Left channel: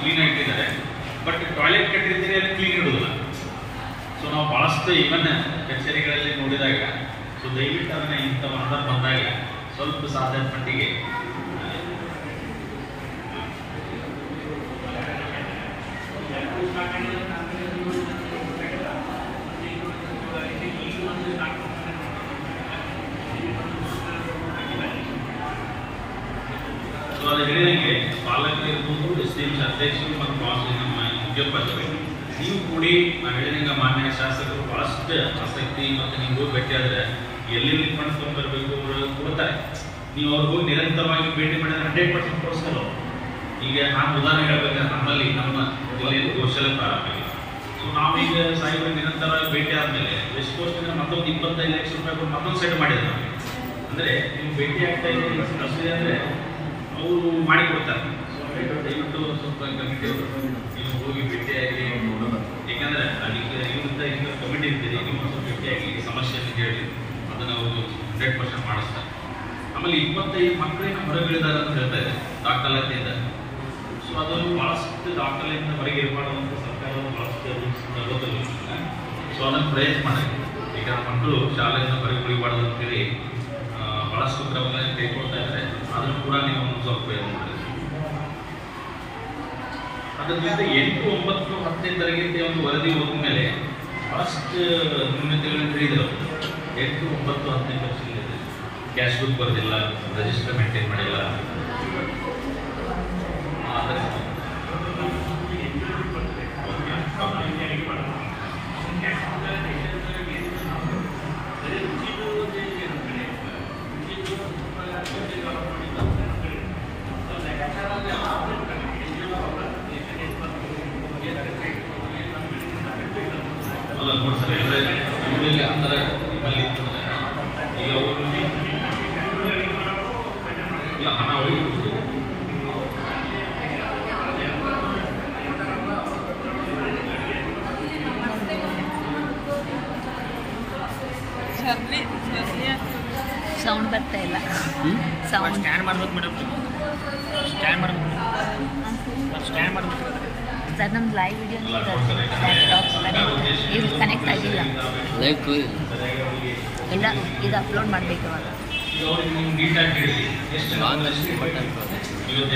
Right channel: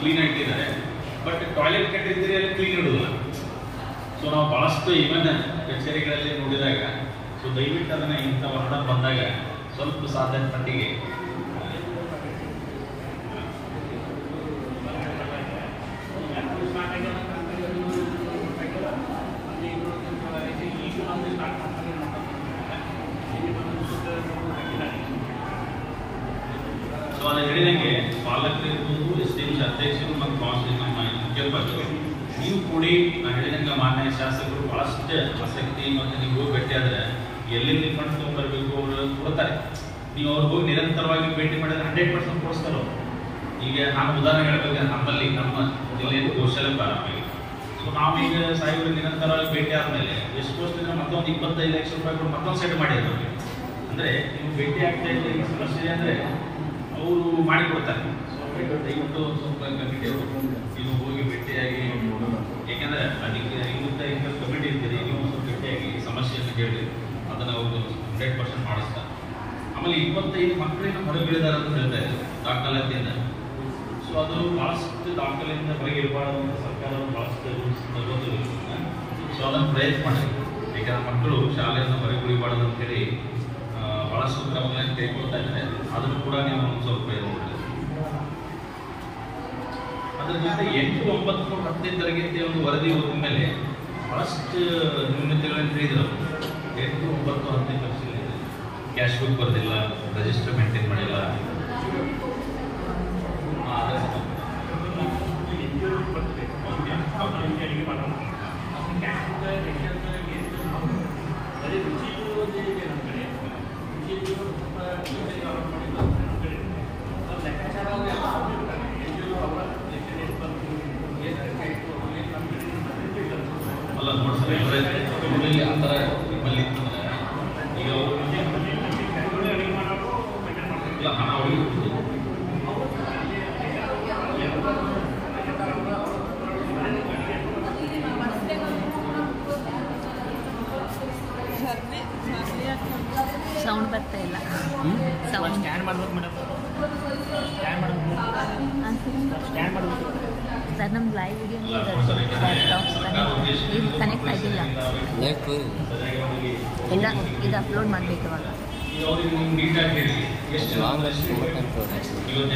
Clean ಆಗಿಟ್ಟಿದ್ದಾರೆ. But toilet ಕಟ್ಟಿರ್ತೀರಿ ಅಲ್ಲಿ clean ಇಡೋದಿಲ್ಲ. So ನಾವು ಭಾಳಷ್ಟು ಇವನ್ ಕಚೇರಿಗಳಲ್ಲಿ ನೋಡಿದಾಗ ಸೊ ದಯವಿಟ್ಟು ಅದನ್ನು ಇಂಥ ಆರ್ಡರ್ ಬಂದಾಗ ಸ್ವಲ್ಪ ಸಾಧ್ಯದ ಮಟ್ಟಿಗೆ ಸೊ ಅದು ಹೇಳಿದಂಗೆ ಪಾಲಕರು ಇರ್ಬೋದು, SDMC ಅಧ್ಯಕ್ಷರು ಮತ್ತು ನಮ್ಮ ಮುಖ್ಯೋಪಾಧ್ಯಾಯರು ನೀವು ಕೂಡಿ ನಾವು ಹೇಳಿದಂಗೆ ಮಾನ್ಯ ಶಾಸಕರು ಭಾಳಷ್ಟು ಆಸಕ್ತಿ ಮತ್ತು ನೀವು ಹೋಗಿ ಭೇಟಿ ಆದರೆ ಎಲ್ಲಿ ಫಂಡ್ ತೊಗೊಂಡ್ಬರ್ಬೇಕು ಅವರು ಕೊಡ್ತಾರೆ. ನೀವು ಅವ್ರಿಗೆ ಹೋಗಿ ನಿರಂತರವಾಗಿ ಭೇಟಿ ಮಾಡಿದ್ರೆ 100% ಕೊಡಿಸ್ತಾರೆ ಅವರು. ಈಗ ನಾನು ಉದಾಹರಣೆ ಹೇಳ್ಬೇಕಾದ್ರೆ ನಮ್ಮಲ್ಲಿ ನಮ್ಮ ಜಿಲ್ಲೆಯಲ್ಲಿ ಕೌಶಲ್ಯ ಪ್ರಾರಂಭ ಆಗಿದೆ. ಸೊ ನಾವೀಗ ಸಾಹೇಬರು ನಿರಂತರವಾಗಿ ಭೇಟಿ ಆದಮೇಲೆ ವೆಸ್ಟ್ ಕೋಸ್ಟಿಂದ ಮತ್ತೊಂದು 25 ಲಕ್ಷ ರೂಪಾಯಿ ಕೊಟ್ಟು ಮತ್ತೊಂದು ಸೈಡ್ ಮಾಡಿದ್ರು ನಮಗೆ. ಅಂದರೆ ನೀವು ಭೇಟಿ ಆಗ್ತಾ ಇದ್ದೀರಿ ಸಮಸ್ಯೆ ಅಂದರೆ ಅವರು ಮಾಡಿಕೊಡ್ತಾರೆ. ಸೊ ದಯವಿಟ್ಟು ಸ್ವಲ್ಪ ಕಮಿಟಿಯವರು ನೀವು ಹೋಗಿ ಭೇಟಿಯಾಗಿ ನೋಡೋಣ. ಯಾಕಂದರೆ ಅದಕ್ಕೆ ಇವತ್ತು ಇಂಥ ಕಮಿಟಿ ಇರ್ತೀರಿ, ನೀವು ಸ್ವಲ್ಪ ಭೇಟಿಯಾಗಿ ಸಮಸ್ಯೆಯನ್ನು ಕೇಳಿ ಅದನ್ನು ಅವರು 100% ಮಾಡಿಸ್ತಾರೆ. ಆಮೇಲೆ 25 ಮಕ್ಕಳಿನ ಹೊರಗಿಳಿದಾರೆ ಅಂತ ಹೇಳ್ತಾ ಇದ್ದಾರೆ ದಾಖಲಾತಿಯಿಂದ. ಸೊ ಅದು ಭಾಳಷ್ಟು ದಾಖಲೆಯಿಂದ ಹೊರಗೆ ಇರಬಾರ್ದು ಅಂತ ಸರ್ಕಾರವು ಭಾಳಷ್ಟು ರೂಲ್ಸ್ ತಗೋದಿಲ್ಲ. ಸೊ ಅದನ್ನು ಪ್ರಯತ್ನ ಮಾಡಿ. ಯಾಕಂದ್ರೆ ಮಕ್ಕಳು ಶಾಲೆಯಿಂದ ಹೊರಗೆ ಉಳಿಬಾರ್ದು ಅಂತೇಳಿ ಭಾಳಷ್ಟು ಕ್ರಮಗಳನ್ನು ಕೈಗೊಳ್ತಾ ಇದ್ದಾರೆ. ಅದನ್ನು ಕೂಡ ನೀವು ಒಂದು ಸ್ವಲ್ಪ ನೋಡಿದ್ರೆ ಅದರ ಜೊತೆ 8, 9, 10ನೇ ತರಗತಿಯ ಒಂದು ವರದಿ ಹೋದ ಮೇಲೆ ಭಾಳಷ್ಟು ನ್ಯೂನತೆಗಳನ್ನು ಹೇಳಿದ್ರು. 8, 9, 10ನೇ ತರಗತಿಯಲ್ಲಿ ಕ್ಯಾಶ್ ಬುಕ್ ಬರೋದಿಲ್ಲ, ರಿಜಿಸ್ಟರ್ ಮೇಂಟೈನ್ ಮಾಡಿಲ್ಲ. ಅಲ್ಲ ನೋಡಿ ಸರ್, ಇವರಲ್ಲಿ ಅಂತರ ನಿಮ್ಮಲ್ಲಿ ಈಗ ಇಲ್ಲ ಹಣ ಉಳಿದು ಸೌಂಡ್ ಬರ್ತಾ ಇಲ್ಲ. ಸೌಂಡ್ ಸ್ಕ್ಯಾನ್ ಮಾಡ್ಬೇಕು ಮೇಡಮ್, ಸ್ಕ್ಯಾನ್ ಮಾಡ್ಬೇಕು ಸರ್. ನಮ್ದು ಲೈವ್ ವಿಡಿಯೋ ಲ್ಯಾಪ್ಟಾಪ್ ಇದು ಕನೆಕ್ಟ್ ಆಗಿಲ್ಲ. ಇಲ್ಲ, ಇದು ಅಪ್ಲೋಡ್ ಮಾಡಬೇಕು ಇವಾಗ. ಅವ್ರಿಗೆ ನೀವು ನೀಟಾಗಿ ಹೇಳಿ ಎಷ್ಟು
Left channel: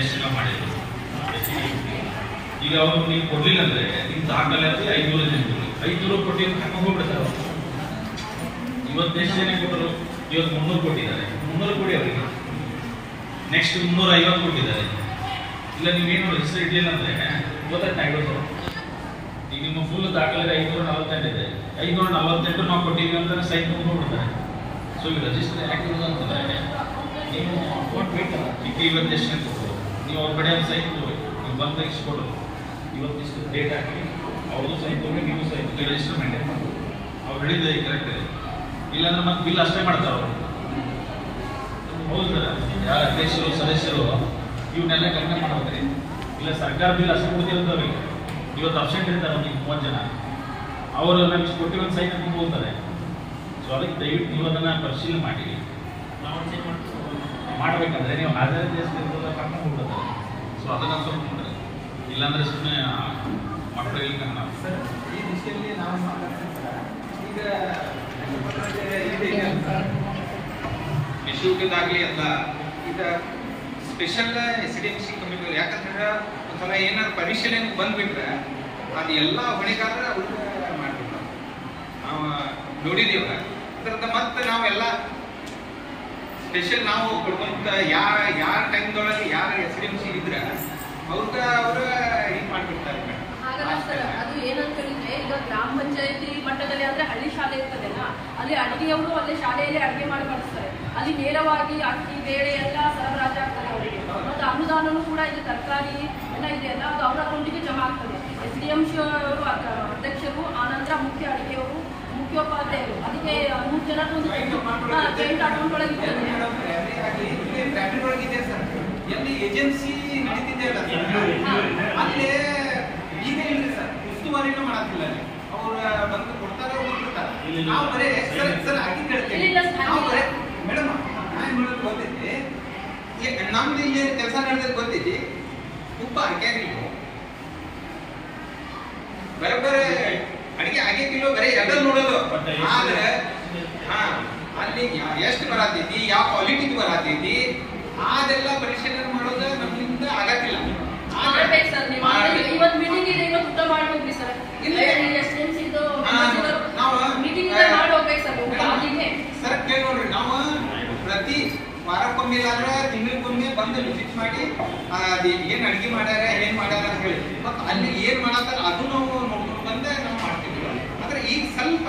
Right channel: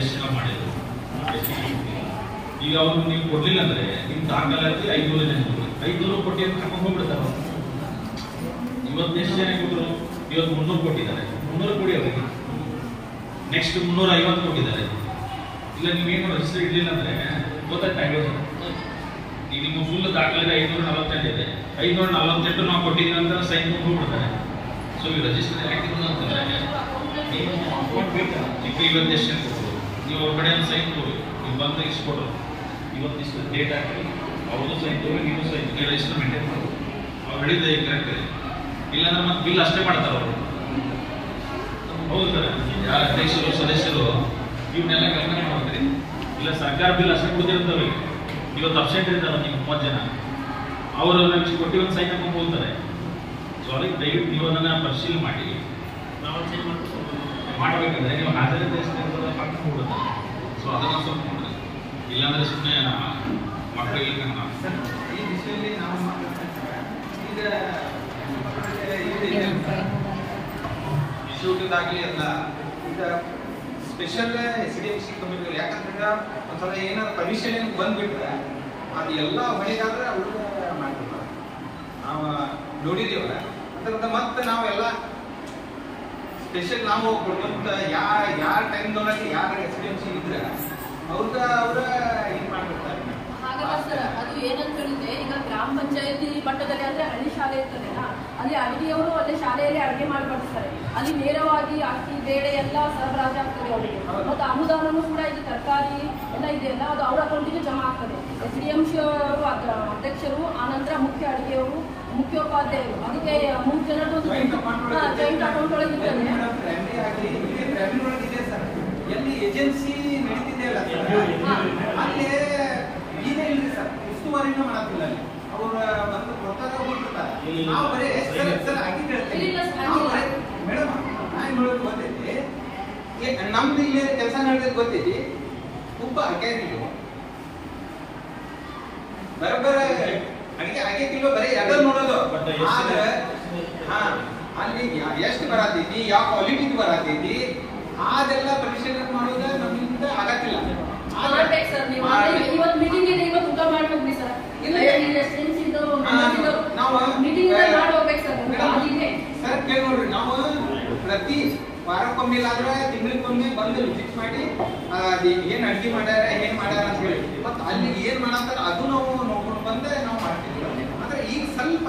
ಎಷ್ಟು ಮಾಡಿದ್ರು. ಈಗ ಅವರು ನೀವು ಕೊಡ್ಲಿಲ್ಲ ಅಂದ್ರೆ ನಿಮ್ಮ ದಾಖಲೆ 500 ಜನ 500 ಕೋಟಿ ಅಂತ ಕರ್ಕೊಂಡು ಹೋಗ್ಬಿಡ್ತಾರೆ. ಇವತ್ತು ಎಷ್ಟು ಜನ ಕೊಟ್ಟರು? ಇವತ್ತು 300 ಕೊಟ್ಟಿದ್ದಾರೆ. 300 ಕೊಡಿ ಅವರಿಗೆ. ನೆಕ್ಸ್ಟ್ 350 ಕೊಟ್ಟಿದ್ದಾರೆ. ಇಲ್ಲ ನೀವೇನು ಹೆಸರು ಇಡ್ಲಿಲ್ಲ ಅಂದ್ರೆ ಗೊತ್ತಾಗ್ತಾಯಿರೋದು. ಈಗ ನಿಮ್ಮ ಫುಲ್ ದಾಖಲೆ 548 ಇದೆ. 548 ನಾವು ಕೊಟ್ಟಿದ್ದೀವಿ ಅಂತ ಸೈನ್ ಹೋಗ್ಬಿಡ್ತಾರೆ. ಸೊ ಈ ರಿಜಿಸ್ಟರ್ ಯಾಕಿರೋದು ಅಂತಂದ್ರೆ ನೀವು ಅಕೌಂಟ್ ಬೇಕಲ್ಲ. ಈಗ ಇವತ್ತು ಎಷ್ಟು ಜನ ಕೊಟ್ಟರು, ನೀವು ಅವ್ರ ಕಡೆ ಒಂದು ಸೈನ್ ತಗೋಬೇಕು. ನೀವು ಬಂದ ಇಷ್ಟು ಕೊಟ್ಟರು, ಇವತ್ತು ಇಷ್ಟು ಡೇಟ್ ಹಾಕಿ ಅವ್ರದ್ದು ಸೈನ್ ತಗೊಂಡು ನೀವು ಸೈನ್ ರಿಜಿಸ್ಟರ್ ಮೇಂಟೈನ್ ಮಾಡ್ಬೋದು. ಅವ್ರು ಹೇಳಿದ್ರೆ ಕರೆಕ್ಟ್ ಇದೆ. ಇಲ್ಲಾಂದ್ರೆ ಮತ್ತೆ ಬಿಲ್ ಅಷ್ಟೇ ಮಾಡ್ತಾರೆ ಅವರು. ಹೌದು ಸರ್, ಯಾರ ಅಧ್ಯಕ್ಷರು ಸದಸ್ಯರು ಇವನ್ನೆಲ್ಲ ಗಮನ ಮಾಡ್ತಾರೆ. ಇಲ್ಲ ಸರ್ಕಾರ ಬಿಲ್ ಅಷ್ಟೇ ಕೊಡ್ತಿರ್ತವೆ. ಇವತ್ತು ಅಬ್ಸೆಂಟ್ ಇರ್ತಾರೆ ನೀವು 30 ಜನ, ಅವರು ನಾವು ಇಷ್ಟು ಕೊಟ್ಟು ಒಂದು ಸೈನ್ ಹಾಕೊಂಡು ಹೋಗ್ತಾರೆ. ಸೊ ಅದಕ್ಕೆ ದಯವಿಟ್ಟು ನೀವು ಅದನ್ನು ಪರಿಶೀಲನೆ ಮಾಡಿ. ನಾವು ಚೇಂಜ್ ಮಾಡಬೇಕಂದ್ರೆ ನೀವು ಹಾಜರಾತಿ ಎಷ್ಟು ಇರ್ತದೆ ಹಾಕೊಂಡು ಹೋಗ್ಬಿಡ್ತಾರೆ. ಸೊ ಅದನ್ನು ಸ್ವಲ್ಪ ನೋಡಿರಿ. ಇಲ್ಲಾಂದರೆ ಸುಮ್ಮನೆ ಮಕ್ಕಳಿಗೆ ಸರ್ ಈ ವಿಷಯದಲ್ಲಿ ನಾವು ಈಗ ಇಶ್ಯೂದಾಗಲಿ ಅಲ್ಲ, ಈಗ ಸ್ಪೆಷಲ್ SDMC ಕಮಿಟಿ ಯಾಕಂದ್ರೆ ಒಂದ್ಸಲ ಏನಾದ್ರು ಪರಿಶೀಲನೆ ಬಂದ್ಬಿಟ್ರೆ ಅದು ಎಲ್ಲ ಹೊಣೆಗಾರರ ಅವ್ರಿಗೆ ಮಾಡ್ಬೇಕು. ನಾವು ನೋಡಿದ್ದೀವ ಅದರಿಂದ ಮತ್ತೆ ನಾವೆಲ್ಲ ಸ್ಪೆಷಲ್ ನಾವು ಕೊಟ್ಟಂತ ಯಾರ ಟೈಮ್ದೊಳಗೆ ಯಾರು SDMC ಇದ್ರೆ ಅವ್ರ ಇದು ಮಾಡ್ಬಿಡ್ತಾರೆ. ಅದು ಏನಂತ ಹೇಳಿದ್ರೆ, ಈಗ ಗ್ರಾಮ ಪಂಚಾಯತಿ ಮಟ್ಟದಲ್ಲಿ ಅಂದ್ರೆ ಹಳ್ಳಿ ಶಾಲೆ ಇರ್ತದೆಲ್ಲ, ಅಲ್ಲಿ ಅಡಿಗೆಯವರು ಅಲ್ಲೇ ಶಾಲೆಯಲ್ಲಿ ಅಡಿಗೆ ಮಾಡಿ ಬಡಿಸ್ತಾರೆ. ಅಲ್ಲಿ ನೇರವಾಗಿ ಅಕ್ಕಿ ಬೇಳೆ ಎಲ್ಲ ಸರಬರಾಜು ಆಗ್ತದೆ ಅವರಿಗೆ. ಮತ್ತೆ ಅನುದಾನನೂ ಕೂಡ ಇದು ತರಕಾರಿ ಎಲ್ಲ ಇದೆಯಲ್ಲ, ಅದು ಅವ್ರ ಅಕೌಂಟಿಗೆ ಜಮಾ ಆಗ್ತದೆ. SDMC ಅವರು ಅಧ್ಯಕ್ಷರು, ಆನಂತರ ಮುಖ್ಯ ಅಡಿಗೆಯವರು, ಮುಖ್ಯೋಪಾಧ್ಯಾಯರು, ಅದಕ್ಕೆ 3 ಜನರದೊಂದು ಜಾಯಿಂಟ್ ಅಕೌಂಟ್ ಒಳಗೆ ಇರ್ತದೆ. ಎಲ್ಲಿ ಏಜೆನ್ಸಿ ನಡೀತಿದೆ ಅಲ್ಲ ಅಲ್ಲಿ ಈಗ ಇಲ್ರಿ ಸರ್, ಉಸ್ತುವಾರಿನೂ ಮಾಡಕ್ಕಿಲ್ಲ. ಅಲ್ಲಿ ಅವ್ರು ಬಂದು ಕೊಡ್ತಾರೆ, ಹೋಗ್ಬಿಡ್ತಾರೆ. ನಾವು ಬರೀ ಸರ್ ಆಗಿ ಹೇಳ್ತೇವೆ. ನಾವು ಬರೀ ಮೇಡಮ್ ನಾನು ಹೇಳೋದು ಗೊತ್ತೈತಿ, ನಮ್ದು ಇಲ್ಲಿ ಕೆಲಸ ನಡೆಯೋದು ಗೊತ್ತೈತಿ. ಒಬ್ಬ ಅಧಿಕಾರಿಗಳು ಬರೋಬ್ಬರ ಅಡಿಗೆ ಆಗಿದ್ದಿಲ್ಲ, ಬರೀ ಎಲ್ಲ ನೋಡೋದು. ಆದ್ರೆ ಅಲ್ಲಿ ಎಷ್ಟು ಬರತೈತಿ, ಯಾವ ಕ್ವಾಲಿಟಿದು ಬರತೈತಿ, ಅದೆಲ್ಲ ಪರಿಶೀಲನೆ ಮಾಡೋದು ನಮ್ಮಿಂದ ಆಗತ್ತಿಲ್ಲ. ಮಾಡ್ಬೇಕು ಸರ್ ನೀವು. ಇವತ್ತು ಮೀಟಿಂಗ್ ಇದೆ, ಇವತ್ತು ಊಟ ಮಾಡಿ ಹೋಗ್ರಿ ಸರ್. ನಾವು ಮೀಟಿಂಗ್ ಮಾಡಿ ಹೋಗ್ಬೇಕು ಸರ್. ಸರ್ ಕೇಳಿ ನೋಡ್ರಿ, ನಾವು ಪ್ರತಿ ವಾರಕ್ಕೊಮ್ಮೆ ಇಲ್ಲಾಂದ್ರೆ ತಿಂಗಳಿಗೊಮ್ಮೆ ಬಂದು ವಿಸಿಟ್ ಮಾಡಿ ಅದು ಏನ್ ಅಡಿಗೆ ಮಾಡ್ಯಾರ, ಏನ್ ಮಾಡ್ಯಾರ ಅಂತ ಹೇಳಿ, ಮತ್ತು ಅಲ್ಲಿ ಏನ್ ಮಾಡತ್ತಾರ ಅದು ನಾವು ನೋಡ್ಕೊಂಡು ಬಂದೆ ನಾವು ಮಾಡ್ತೀವಿ. ಆದ್ರೆ ಈಗ ಸ್ವಲ್ಪ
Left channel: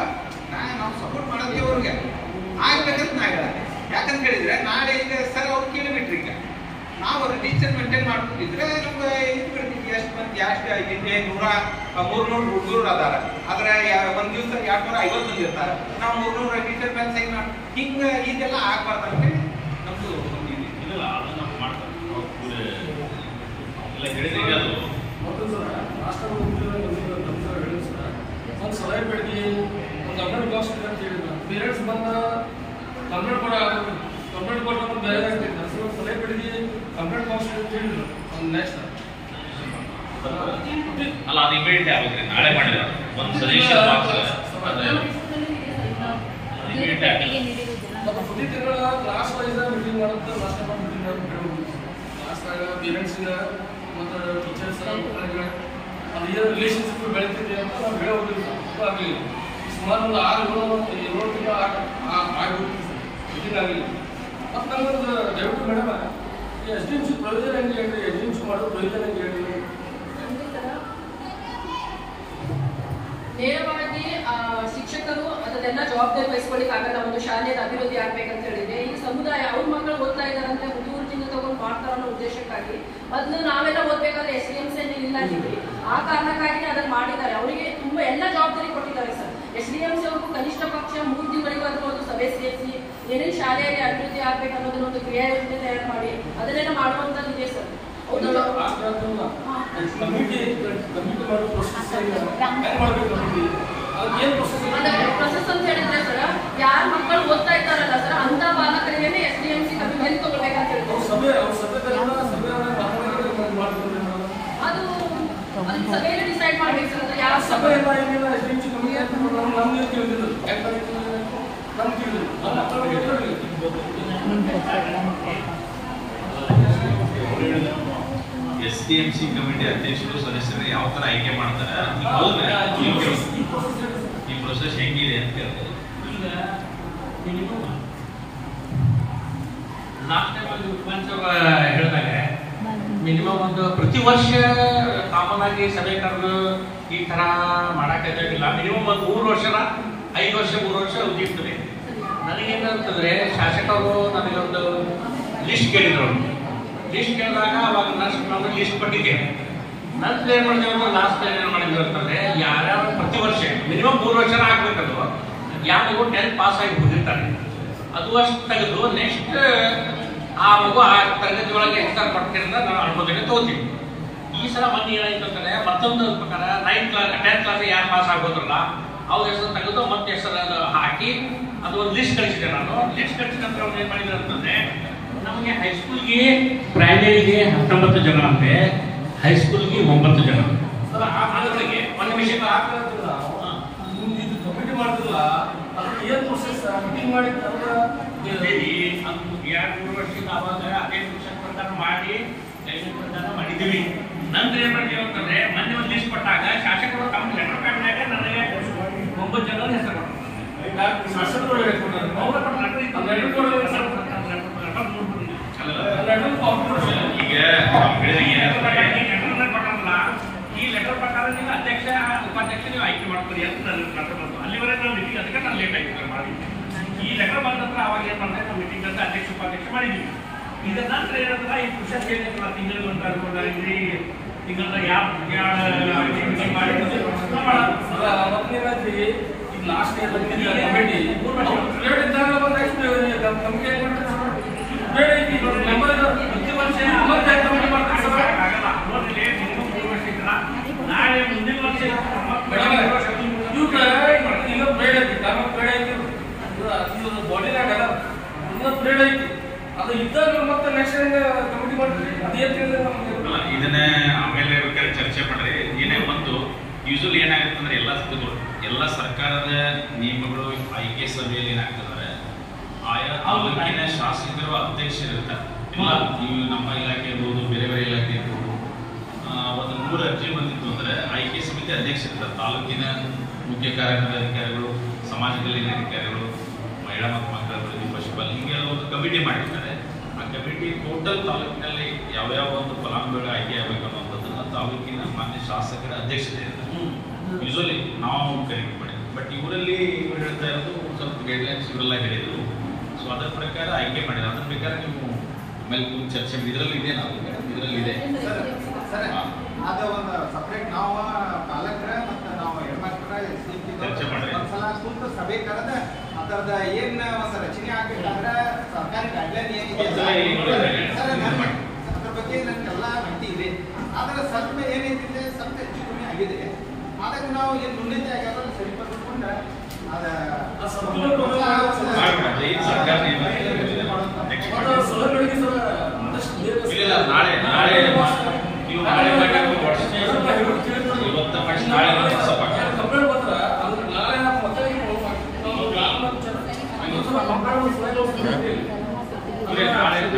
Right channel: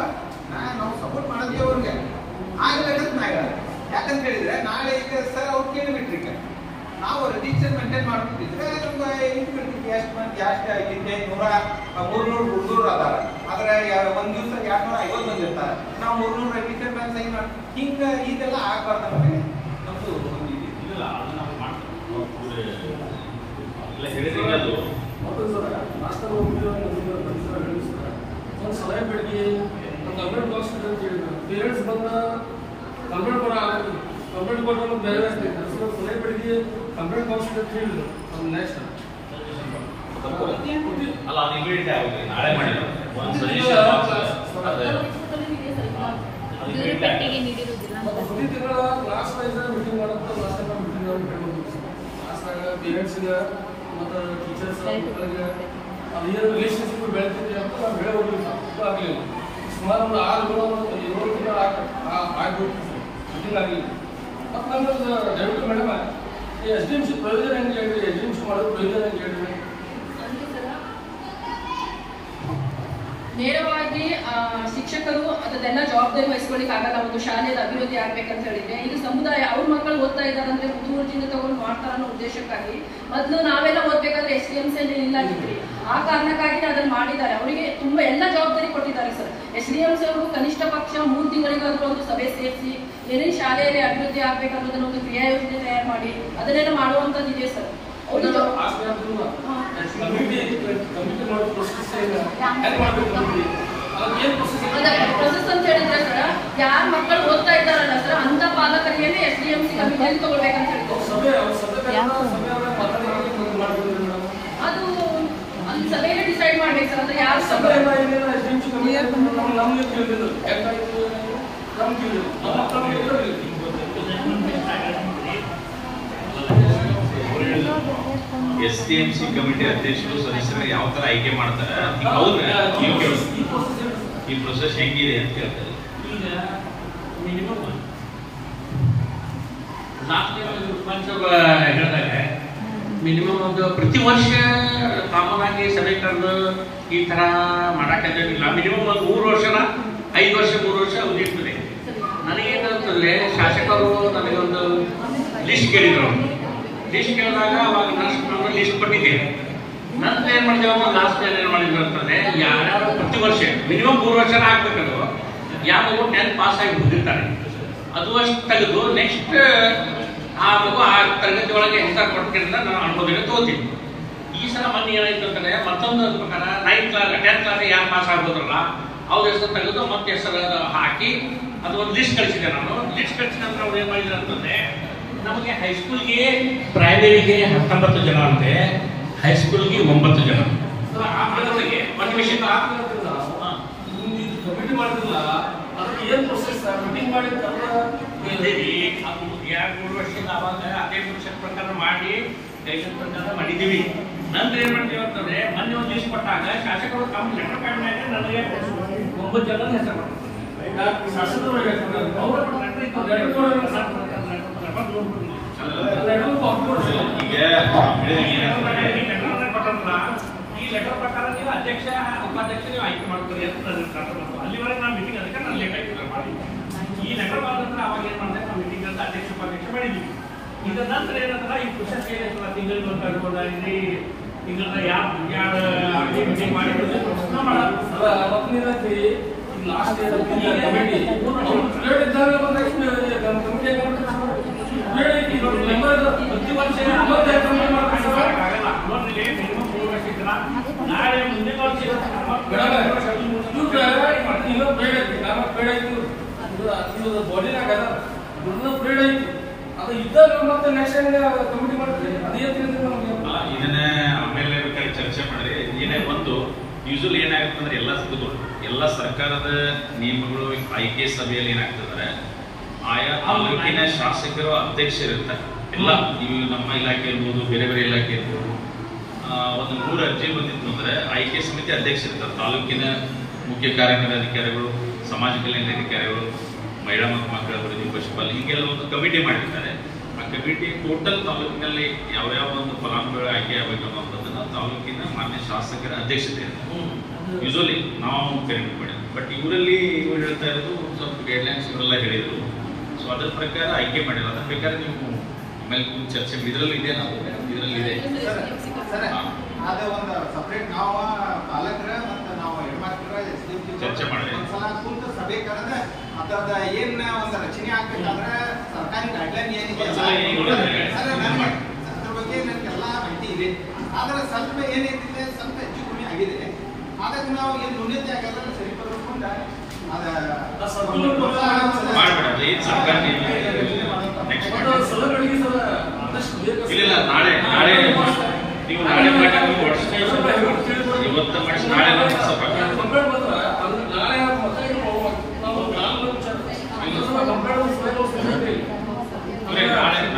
ನಾವು ಸಪೋರ್ಟ್ ಮಾಡೋದೇ ಅವ್ರಿಗೆ ಆಗ್ಬೇಕಂತ ನಾ ಹೇಳ. ಯಾಕಂತ ಹೇಳಿದ್ರೆ ನಾಳೆ ಈಗ ಸರ್ ಅವ್ರು ಕೇಳಿಬಿಟ್ರಿ, ಈಗ ನಾವು ರಿಜಿಸ್ಟರ್ ಮೇಂಟೈನ್ ಮಾಡ್ಕೊಂಡಿದ್ರೆ ನಮ್ಗೆ ಇದು ಬಿಡ್ತೀವಿ, ಎಷ್ಟು ಮಂದಿ ಎಷ್ಟು ಐತಿದ್ದೆ 300 ಹುಡುಗರು ಅದಾರ. ಆದ್ರೆ ಒಂದ್ ದಿವಸ 250 ಮಂದಿ ಇರ್ತಾರ. ನಾವು 300 ರಿಜಿಸ್ಟರ್ ಬ್ಯಾಲೆನ್ಸ್ ಹೆಂಗ್ ಹಿಂಗ ಇದೆಲ್ಲ ಆಗ್ಬಾರ್ದು ಅಂತ ಹೇಳಿ ನಮ್ದು ಇಲ್ಲ ಅದು ನಾವು ಮಾಡ್ತೀವಿ. ಇಲ್ಲ ಹೇಳಿದ್ರೆ ಅದು ಒಂದು ಸಲಹೆ ಬೆಳಗ್ಗೆ ಒಂದು ಕಂಪ್ಲೇಂಟ್ ಬಾಕ್ಸ್ ಅಂತ ಹೇಳಿದ್ರು. ಪೇರೆಂಟ್ಸ್ ಬಂದ ಕಂಪ್ಲೇಂಟ್ ಕೊಟ್ಟು ಬೇರೆ ಆಗ್ತಿತ್ತು. ಒಂದು ಸಲಹೆ ಬೆಳಗ್ಗೆ ಕಂಪ್ಲೇಂಟ್ ಬಾಕ್ಸ್ ಅಂತ ಹೇಳಿದ್ರು. ಒಂದು ನೆಕ್ಸ್ಟ್ ಅಲ್ಲ ಅದು ಇಮಿಡಿಯೇಟ್ ಆಗುತ್ತೆ. ನಾಳೆ ಮಾಡಿದ್ರೆ ಒಂದು ಸಜೆಷನ್ ಮತ್ತು ಪ್ರತಿ ತಿಂಗಳ ಕ್ಲಾಸ್ ವೈಸ್ ಮೀಟಿಂಗ್ ಮಾಡುತ್ತೆ. ಲಾಸ್ಟ್ ಟೈಮ್ ಮೀಟಿಂಗ್ ನಾವು ಹೇಳ್ಬೋದು. ಕ್ಲಾಸ್ನಾಗ ಪೇರೆಂಟ್ಸ್ಗೆ ಮತ್ತು ಟೀಚರ್ಸ್ ಮಕ್ಕಳಿಗೆ ಅದು ಏನು ರಿಲೇಷನ್ಶಿಪ್ ಬೆಳಿತಿದೆ ಅಂತ ನಾವು ಹೇಳೋದಿಲ್ಲ. ಆಗಲಿಲ್ಲ. ಸುಮಾರು ಒಂದು 6-7 ತಿಂಗಳು ಆಗಿ ಮೀಟಿಂಗ್ ಆಗಲಿಲ್ಲ. ಮತ್ತು ನಮ್ಮದು ದಯವಿಟ್ಟು ಮೇಡಮ್ ಈ SDMC ಪ್ರಯೋಜನ ಹೆಂಗೆ ಹೇಳ್ರಿ, SDMC ಮಾಡೋದು ಪ್ರಯೋಜನ ಹೆಂಗೆ ಹೇಳ್ರಿ? ನೇರವಾಗಿ ಶಿಕ್ಷಕರು ಅದನ್ನೆಲ್ಲ ಜವಾಬ್ದಾರಿ ವಹಿಸ್ಕೊಳ್ಳಿಕ್ ಆಗಲ್ಲ. ಒಂದು ಶಾಲೆಯ ಅಭಿವೃದ್ಧಿ ಆಗ್ಬೇಕಂತ ಹೇಳಿದ್ರೆ ಇದು ಸಮುದಾಯ ಅವ್ರ ಮಕ್ಕಳು ಓದ್ತಾ ಇದ್ದಾರಂತೆ ಹುಡುಗರಿಂದ ತಗೊಂಡು ಮಾಡ್ತಾರ ಅನ್ನೋ ಉದ್ದೇಶಕ್ಕಾಗಿ ಮೊದಲು ನಾವೆಲ್ಲ ಓದ್ಬೇಕಾದ್ರೆ SDMC ಇಲ್ಲ ಇದ್ರಿ. ಆ ಕಾರಣಕ್ಕಾಗಿ ಅದನ್ನ ಮಾಡಿದ್ದಾರೆ. ಅವರಿಗೆ ತುಂಬಾ ಎಲ್ಲ ಜವಾಬ್ದಾರಿ ಕೊಟ್ಟಿದ್ದಾರೆ ಸರ್. SDMC ಅವರು ಕನಿಷ್ಠ ಪಕ್ಷ 3 ತಿಂಗಳಿಗಾದ್ರೂ ಒಂದು ಸಭೆ ಸೇರಿಸಿ ಏನೇನು ಶಾಲೆಯಲ್ಲಿ ಅಭಿವೃದ್ಧಿ ಆಗ್ಬೇಕನ್ನೋದನ್ನ ಒಂದು ಕ್ರಿಯಾ ಯೋಜನೆ ತಯಾರು ಮಾಡಿ ಅದನ್ನೆಲ್ಲ ಮಾಡುವಂತದ್ದು ಇದೆ ಸರ್. ಪ್ರೊಸೆಸ್ ಅಂತ ಹೇಳಿದ್ರೆ ಸರ್, ಯಾರ ಮಕ್ಕಳು ಓದ್ತಾ ಇದ್ದಾರಲ್ಲ ಸರ್ ಅಂತ ಪಾಲಕರಿಗೆ SDMC ಅಭಿವೃದ್ಧಿ ತಗೊಳ್ಬೇಕಂತ ಹೇಳ್ತಾರೆ. ಅದು ಅಲ್ಲಿ ಸಭೆಯಲ್ಲಿ ಡಿಸೈಡ್ ಮಾಡ್ಬೇಕು ಸರ್. ಅದು ಯಾವ ಸಭೆ SDMC ಕಮಿಟಿ ಅಧ್ಯಕ್ಷರು ಸದಸ್ಯರು ಯಾವ ತರ ಆಯ್ಕೆ ಮಾಡ್ತಾರೆ, ಈ ಪ್ರೊಸೆಸ್ ಹೆಂಗಿದೆ ಅಂತ ಹೇಳ್ತಾರೆ. ಈಗ ಮಿನಿಮಮ್ ಲಾಸ್ಟ್ ಟೈಮ್ ಹೇಳಿದಾಗ ಮಿನಿಮಮ್ ಒಂದು ಪ್ರತಿ ವರ್ಷ ಕಾಮನ್ ಸಭೆ ಕರೆದು ಈ ತರ ಮಾಡಕ್ಕಾಗಿಲ್ಲ. ಮಿನಿಮಮ್ ಒಂದು 3 ವರ್ಷನ 5 ವರ್ಷ 3 ವರ್ಷ ಉಳಿಯುತ್ತದೆ. ನನಗೇನಂತಂದ್ರೆ ಶಾಸಕರು ನನಗೊಂದು ಲಿಸ್ಟ್ ಕೇಳಿದ್ರು. ಲಿಸ್ಟ್ ಕೇಳಿದಾಗ ಅವಾಗ ನಾನು ಲಿಸ್ಟ್ ಕೊಟ್ಟಿದ್ದೇನೆ. ನಂತರ ಏನ್ ಮಾಡಿದೆವು, ಲಾಸ್ಟ್ ಟೈಮ್ ಏನ್ ಮಾಡಿದ್ರು ಅಂತಂದ್ರೆ ಯಾರ್ಯಾರು ಪ್ರತಿ ವರ್ಷ ಮಿನಿಮಮ್ 3 ವರ್ಷನ ಆಗ್ಬೇಕದು. ಯಾರು 10th ಪಾಸ್ ಆಗಿ ಹೋಗಿರ್ತಾರೆ ಅದು ಅಷ್ಟು ತೆಗೆದು ನೆಕ್ಸ್ಟ್ ಆ ಮಗು ಆ ತರಗತಿ ಒಳಗೆ ಹೆಸರು ಕೊಟ್ಟಿರಿಂದ ನಾನು ಅನುಮೋದನೆ ತಗೋತೀನಿ. ಈ ಸಲ ಮೊನ್ನೆ ಏನಾಯ್ತು ಅಂತಂದ್ರೆ ಮತ್ತೊಂದು ಪ್ರಕಾರ 9th ಕ್ಲಾಸ್ 10th ಕ್ಲಾಸ್ ಯಾರು ಪಾಸ್ ಆಗೋದ್ರಲ್ಲ ಅವ್ರ ಹೆಸರು ತೆಗೆದು ಮತ್ತೆ ಹೆಸರು ಹಾಕಿ ಅದು ಒಂದು ಲಿಸ್ಟ್ ಕಳಿಸಿದೆ. ನಾನು ಲಿಸ್ಟ್ ಕಳಿಸಿದ ನಂತರ ಏನ್ ಮಾಡಿದ್ರು ಅಂತಂದ್ರೆ ನಮಗೆ ಹೈಸ್ಕೂಲ್ಗೆ ಪ್ರೈಮರಿಗೆ 19 ಜನ ಅಂದ್ರೆ ಹೈಸ್ಕೂಲ್ಗೆ 9 ಜನ. ಅದರೊಳಗೆ ಒಂದು ವಿಷಯ ಇದು ಕಮಿಟಿ ಮಾಡ್ತಿಲ್ಲ, ಅದಕ್ಕೆ ಏನು ಪ್ರೊಸೆಸ್ ಮೀಟಿಂಗ್ ಮಾಡಿ ಇದ್ದೀವಿ. ಅದು 2-3 ವರ್ಷದಿಂದ ಅವಾಗ ಅದೇ ವರ್ಷದ ಪ್ರಕಾರ ಮಾಡಿ ಲೈಸೆನ್ಸ್ ಪ್ರಕಾರ ಮಾಡಿದ್ದೀವಿ. ನಂತರ ಏನ್ ಮಾಡ್ತೀವಿ ಅಂತಂದ್ರೆ ಮೊನ್ನೆ ಒಂದು ಲಿಸ್ಟ್ ಕೊಟ್ಟಾಗ ಶಾಸಕರು ತಮ್ಮ ಲೆಟರ್ ಪ್ಯಾಡ್ನಾಗ ನನಗೆ 9 ಜನ ಹೆಸರು ಶಾಸಕರು ಈ ಲೆಟರ್ ಪ್ರಕಾರ ನೀವು ಅಧ್ಯಕ್ಷ ಉಪಾಧ್ಯಕ್ಷ ನೀವು ಆಯ್ಕೆ ಮಾಡ್ತೀರಿ ಅಂತ ನನಗೆ ಲೆಟರ್ ಬಂತು. ಅಲ್ಲಿವರೆಗೆ ನಾವು ಮೀಟಿಂಗ್ ಅದಕ್ಕೆ ನಾನು ಲೇಟ್ ಆಯ್ತು ಮಾಡಿ. ಈ ಲೆಟರ್ ಬಂದ ನಂತರ ಅವಾಗ ಏನ್ ಮಾಡಿದೆ, ನಾವು ಮೀಟಿಂಗ್ ಅಂತ ಅಧ್ಯಕ್ಷ ಉಪಾಧ್ಯಕ್ಷ ಮಾಡಿದ್ವಿ. ಇದರ ನಂತರ ಏನಂದ್ರೆ ಈ ಪುಷಪ್ ಏನಿಲ್ಲ ತಿಂಗಳಿಗೆ ಒಂದಾಗಿ ತಿಂಗಳ ಯಾವ ಮೀಟಿಂಗ್ ಮಾಡಿ ಲಾಸ್ಟ್ ಕಮಿಟಿ ನಾಳೆ ಮುಂದಿನ ವರ್ಷ ಬಾಡಿನಾಗ ಪ್ರೇಡ್ ಐತಿ ಅದು ಇದ್ದಾಗ ಮತ್ತೆ ನೆಕ್ಸ್ಟ್ ಕಮಿಟಿ ಮಾಡ್ತೀರಿ. ಅದೇ ಇದನ್ನ ಆಮೇಲೆ ಬೇಕಾದ್ರೆ ಚರ್ಚೆ ಮಾಡ್ರಿ. ಏನೇ ಒಂದು ಯೂಶಲಿ ಏನಾಗುತ್ತೆ ಅಂದ್ರೆ ಎಲ್ಲ ಸರ್ಕಾರದ ನಿಯಮಗಳು ಆಯ್ಕೆ ಸಭೆಯಲ್ಲಿ ಏನಾಗ್ತದೆ ಆಯಾ ತಾಲೂಕಿನ ಶಾಸಕರು ಅಧ್ಯಕ್ಷರಿರ್ತಾರೆ. ಎಲ್ಲ ನೀವು ನಮ್ಮ ಇಲಾಖೆ ಇರ್ಬೋದು, ಬೇರೆ ಬೇರೆ ಇಲಾಖೆ ಇರ್ಬೋದು. ಒಂದು 100 ಅರ್ಜಿ ಬಂದಿತ್ತು ಅಂದ್ರೆ ಆಯ್ಕೆ ಸಮಿತಿ ಅಧ್ಯಕ್ಷರಿರ್ತಾರೆ. ತಾಲೂಕಿನ ಮುಖ್ಯ ಕಾರ್ಯನಿರ್ವಹಣಾಧಿಕಾರಿಗಳು, ಸಮಾಜ ಕಲ್ಯಾಣ ಅಧಿಕಾರಿಗಳು, ಮಹಿಳಾ ಮತ್ತು ಮಕ್ಕಳ ಅಭಿವೃದ್ಧಿ, ಪಶುಪಾಲನೆ ಹೀಗೆಲ್ಲ ಒಂದು ಕಮಿಟಿ ಮಾಡಿರ್ತಾರೆ. ಆ ಕಮಿಟಿ ಟೋಟಲ್ ತಾಲೂಕಿನಲ್ಲಿ ಯಾವ್ಯಾವ ಒಂದು ಫಲಾನುಭವಿಗಳು ಆಯ್ಕೆ ಆಗಬೇಕು ಅನ್ನುವಂಥದ್ದನ್ನು ತಾಲೂಕಿನ ಮಾನ್ಯ ಶಾಸಕರ ಅಧ್ಯಕ್ಷತೆ ಯೂಶಲಿ ನಾವು ಕರೆಕ್ಟ್ ಮಾಡಿ. ಬಟ್ ಇವರಲ್ಲಿ ಇವ್ರು ಹೇಳ್ತಾ ಇರೋದು ಒಂದು ಸ್ವಲ್ಪ ಗೈಡ್ಲೈನ್ಸ್ ಇವರೆಲ್ಲ ಹೇಳಿದ್ರು. ಸೊ ಅದರ ಪ್ರಕಾರ ಆಯ್ಕೆ ಮಾಡಿದ್ರು. ಅದ್ರ ಪ್ರಕಾರ ನೀವು ಆಮೇಲೆ ಕೂತು ಚರ್ಚೆ ಇದರಲ್ಲಿ ಇದೆ, ನಾವು ಇದರಲ್ಲಿ ಇದೆ. ಸರ್ ಅದು ಒಂದು ಸಪ್ರೇಟ್ ನಾವು ಪಾಲಕರ ಮತ್ತು ನಾವು ಹೆಣ್ಮಕ್ಳ ಚರ್ಚೆ ಮಾಡಿದ್ರೆ ಒಂದ್ಸಲ ಕೂತು ಸಭೆ ಕರೆದ ಅದರದ ಏನ್ ಒಂದು ರಚನೆ ಆಗ್ಬೇಕಾದ್ರೆ ಸರ್ಕಾರಿ ಗೈಡ್ಲೈನ್ ಏನಿದೆ ಸರ್ ನನಗೆ ಅದ್ರ ಬಗ್ಗೆ ನನಗೆಲ್ಲ ಮಾಹಿತಿ ಇದೆ. ಆದ್ರೆ ಸ್ವಲ್ಪ ಏನೈತಿದೆ ಸ್ವಲ್ಪ ಹೆಚ್ಚು ಕಮ್ಮಿ ಆಗಿದೆ. ಹಾಗಾಗಿ ನಾವು ಏನು ನ್ಯೂನತೆ ಆಗ್ಯಾರ ಸರಿಪಡಿಸ್ಕೊಂಡು ಮಾಡಬೇಡ. ಅದು ಏನು ಸರ್ಕಾರ ನೆಕ್ಸ್ಟ್ ಇಲ್ಲ ನಾಳೆ ನೀವು ನಾಳೆ ಇವತ್ತು ಮಾಡಿಸಿ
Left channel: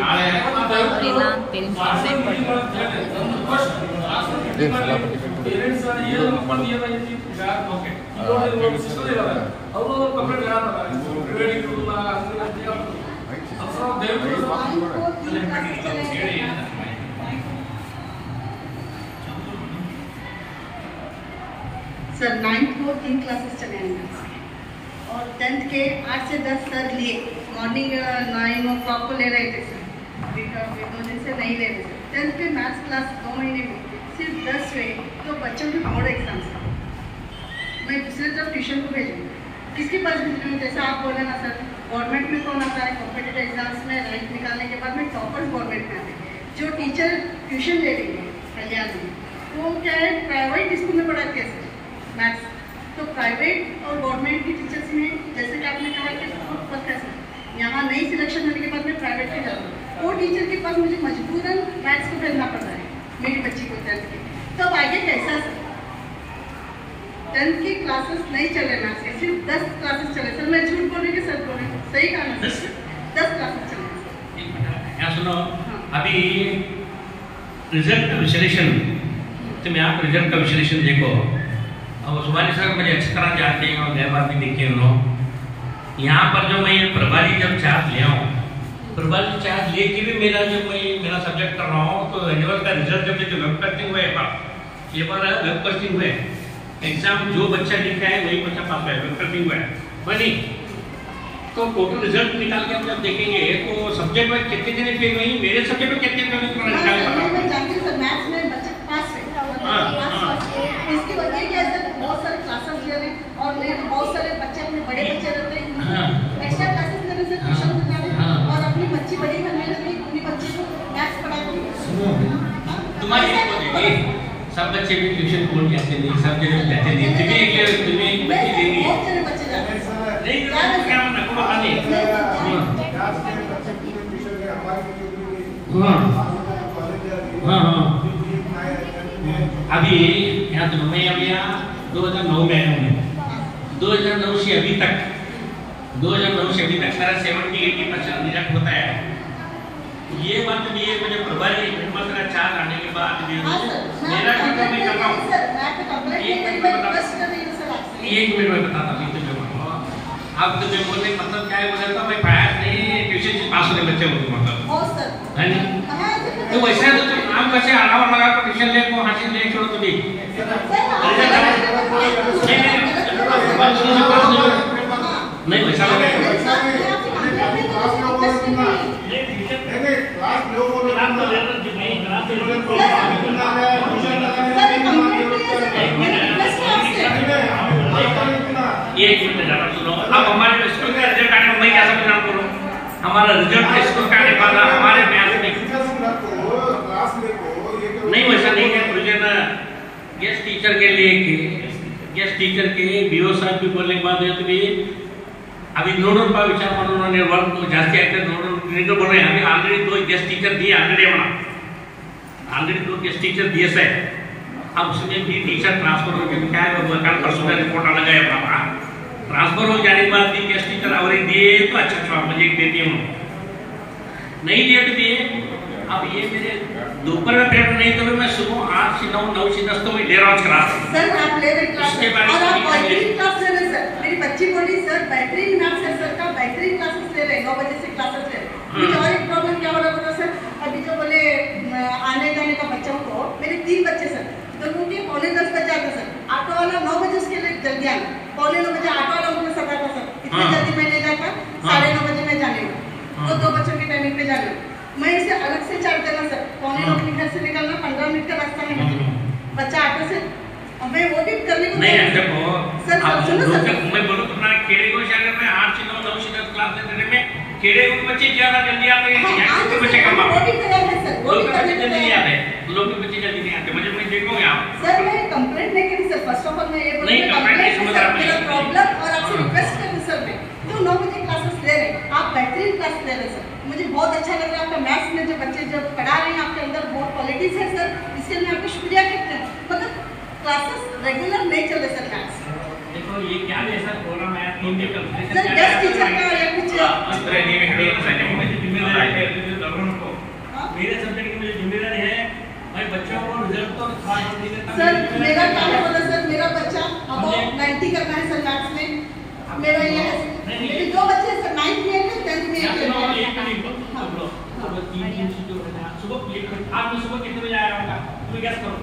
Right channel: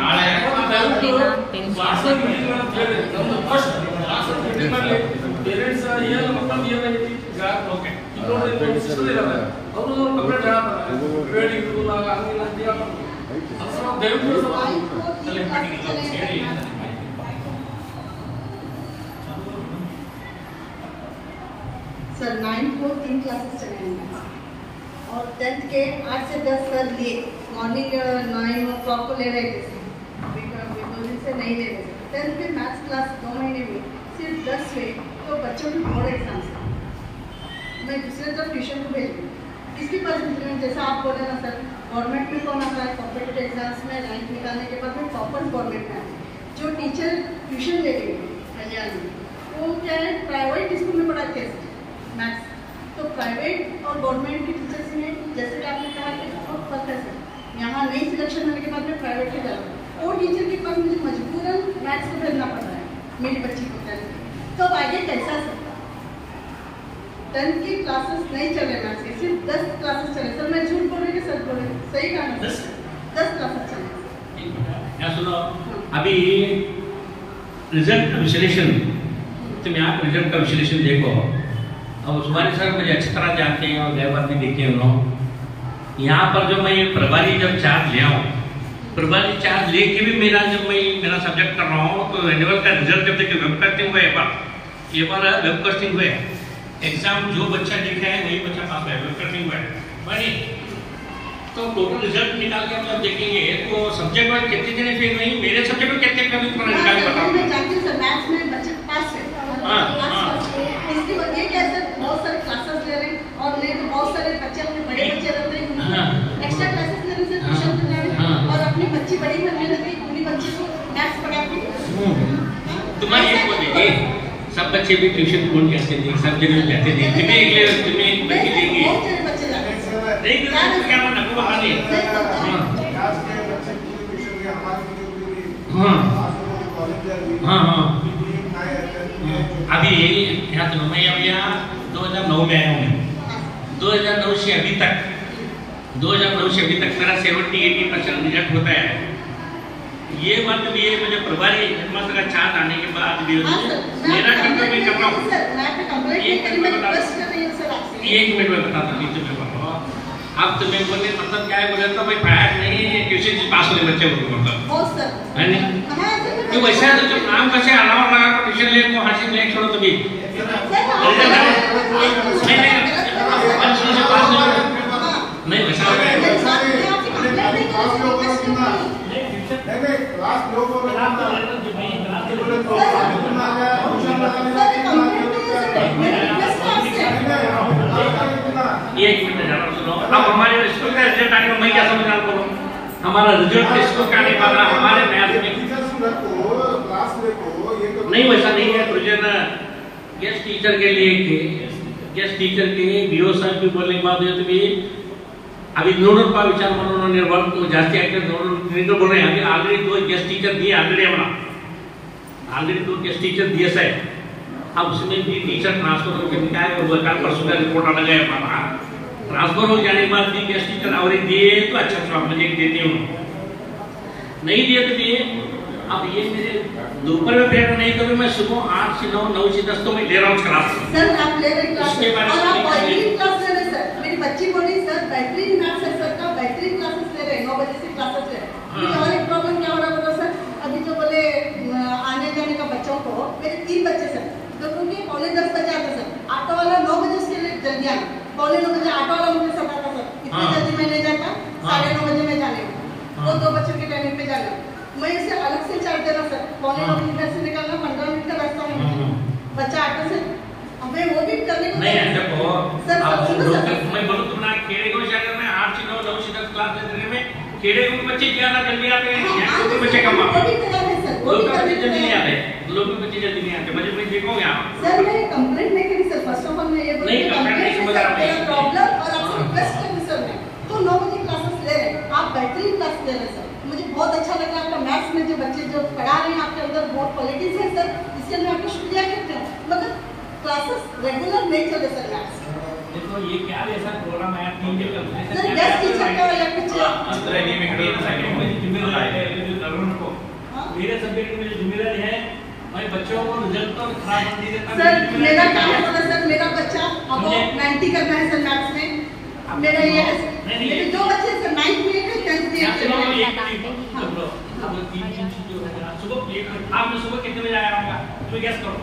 ನಾಳೆ ಪೇರೆಂಟ್ಸ್ ಏನು ಮಕ್ಕಳು ಏನಾಗೈತಿ ಈಗ ಓಕೆ ಅವರು ಕಂಪ್ಲೇಂಟ್ सर 9th को 3 क्लासेस चले हैं और 10th के 8 से 10 सर लिए मॉर्निंग 9 o'clock को ले रहे थे सर, दो दिन से नहीं ले रहे थे। 10th के मैथ्स क्लास 2 महीने में सिर्फ 10 हुए तो बच्चों की बोर्ड एग्जाम था। मैं दूसरे तरफ ट्यूशन को भेजूँ किसके पास भेजूँ? जैसा आप बोले ना सर, गवर्नमेंट में कौन आता है कॉम्पिटेटिव एग्जाम्स में रैंक निकालने के बाद में टॉपर गवर्नमेंट में आते हैं। जो टीचर ट्यूशन ले रही है कल्याण में वो क्या है प्राइवेट स्कूल में पढ़ाते हैं मैथ्स। तो प्राइवेट और गवर्नमेंट की टीचर्स में जैसे कि आपने कहा कि बहुत फर्क है सर। यहाँ नई सिलेक्शन होने के बाद में प्राइवेट में जाऊँ वो टीचर के पास मुझे मजबूरन मैथ्स को भेजना पड़ रहा है मेरी बच्ची को 10th के। तब आगे कैसा सर? 10th की क्लासेस नहीं चले मैथ्स के, सिर्फ 10 क्लासेस चले सर। मैं झूठ बोले कि सर बोले सही कहा ना? 10 क्लासेस चले। सुनो अभी रिजल्ट का विश्लेषण, तुम यहाँ पर रिजल्ट का विश्लेषण देखो। अब सुबानी सर मुझे अच्छी तरह जानते हैं और गए बार भी देखे उन्होंने। यहाँ पर जो मैं प्रभारी जब चार्ज ले आऊँ, प्रभारी चार्ज लेके भी जब मैं मेरा सब्जेक्ट कर रहा हूँ तो एनुअल का रिजल्ट जब तक वेब कास्टिंग हुआ ये बार वेब कास्टिंग हुआ एग्जाम जो बच्चा लिखा है वही बच्चा पास हुआ है, वेब कास्टिंग हुआ है नहीं। तो टोटल रिजल्ट निकाल के हम जब देखेंगे तो सब्जेक्ट में कितने जने फेल हुए, मेरे सब्जेक्ट में कितने कभी तुम्हारा निकाल पता मैथ्स में बच्चे पास है। इसकी वजह क्या है सर, बहुत सारे क्लासेस ले रहे हैं और बहुत सारे बच्चे अपने बड़े बच्चे रहते हैं एक्स्ट्रा क्लासेस ले रहे हैं ट्यूशन ले रहे हैं और अपनी बच्ची बड़ी करने लगी पूरी बच्ची को मैथ्स पढ़ाती है। तुम्हारी एक बोलेगी सब बच्चे भी ट्यूशन बोर्ड कैसे दें, सब जगह कहते हैं तुम्हें बच्ची देंगी नहीं क्या मना को बहाने हाँ अभी यहाँ तो मैं अब यहाँ 2009 में आया हूँ। 2009 से अभी तक मेरा 70-80% रिजल्ट होता है। ये मतलब ये मुझे प्रभारी मतलब का चार्ज आने के बाद भी मेरा टीचर भी कर रहा हूँ। एक मिनट में बताता हूँ। अब तुम्हें बोलने मतलब क्या है बोला था मैं फायर नहीं ट्यूशन से पास होने बच्चे बोलते मतलब है नहीं तो वैसा है तो तुम आम कैसे अलावा लगा कर ट्यूशन ले को हासिल ले छोड़ो तो भी नहीं वैसा एक मिनट सुनो। अब हमारे स्कूल का रिजल्ट आने मैं कैसे परिणाम करूँ? हमारा रिजल्ट स्कूल का आने वाला हमारे मैथ में नहीं वैसा नहीं है। प्रोजेक्ट गेस्ट टीचर के लिए गेस्ट टीचर के बीओ साहब भी बोलने के बाद तो भी अभी 9 रुपये विचार म्हणून निर्वहन को जास्ती आहे 9 रुपये बोल रहे हैं। अभी ऑलरेडी 2 गेस्ट टीचर दिए ऑलरेडी 2 गेस्ट टीचर दिए से अब उसने भी टीचर ट्रांसफर हो गया, क्या कल परसों का रिपोर्ट आ गया पापा, ट्रांसफर हो जाने के बाद भी गेस्ट टीचर और दिए तो अच्छा मुझे एक देती हूँ, नहीं दिए तो दिए। अब ये मेरे दोपहर में पीरियड नहीं तो मैं सुबह 8 से 9, 9 से 10 तो मैं ले रहा हूँ क्लास। सर आप ले रहे क्लास उसके बारे और आप में बेहतरीन क्लास ले रहे सर। मेरी बच्ची बोली सर बेहतरीन मैथ्स है सर का, बेहतरीन क्लासेस ले रहे 9 बजे से क्लासेस ले रहे। मुझे और एक प्रॉब्लम क्या हो रहा था सर, अभी जो बोले आने जाने का बच्चों को, मेरे 3 बच्चे सर, तो उनके 9:45 बजे आते सर, ऑटो वाला 9 बजे उसके लिए जल्दी आना, 9:45 बजे ऑटो वाला मुझे सताता सर, इतनी जल्दी मैं नहीं जाता, 9:30 बजे मैं जाने का, वो 2 बच्चों के टाइमिंग पे जाना, मैं इसे अलग से चार्ज देना सर, 9:45 घर से निकलना 15 मिनट का रास्ता है बच्चा ऑटो से, और मैं वो भी करने को नहीं देखो सर सुनो सर, मैं बोलूँ तो ना खेड़े को जाकर मैं 8 से 9, 9 से 10 क्लास देने में खेड़े को बच्चे ज्यादा जल्दी आते हैं, यहाँ के बच्चे कम आते हैं, वो भी तैयार है सर, वो लोग भी के बच्चे करने को जल्दी नहीं तैयार है। आते, लोग के बच्चे जल्दी नहीं आते, मुझे देखो यहाँ सर मैं कंप्लेंट नहीं करी सर, फर्स्ट ऑफ ऑल मैं ये बोल नहीं, रही हूँ complaint नहीं समझ रहा मेरा मैं। प्रॉब्लम और आपसे रिक्वेस्ट कर रही सर मैं, जो 9 बजे क्लासेस ले रहे हैं आप बेहतरीन क्लास ले रहे हैं सर, मुझे बहुत अच्छा लग रहा है आपका मैथ्स में जो बच्चे जो पढ़ा रहे हैं आपके अंदर बहुत क्वालिटीज है सर, इसके लिए आपका शुक्रिया करते हैं, मगर क्लासेस रेगुलर नहीं चल रहे सर मैथ्स। देखो ये क्या है सर प्रोग्राम आया 3 दिन का सर गेस्ट टीचर का या कुछ मेरे सब्जेक्ट में जिम्मेदारी है भाई, बच्चों को रिजल्ट तो खराब कर नहीं देता। सर मेरा काम होता सर, मेरा बच्चा अब 90 करना है सर मैथ्स में, मेरा ये है मेरे 2 बच्चे सर 9th में है 10th में है। अब 3 जो है ना सुबह आज मैं सुबह कितने बजे आया होगा तुम्हें गैस करो,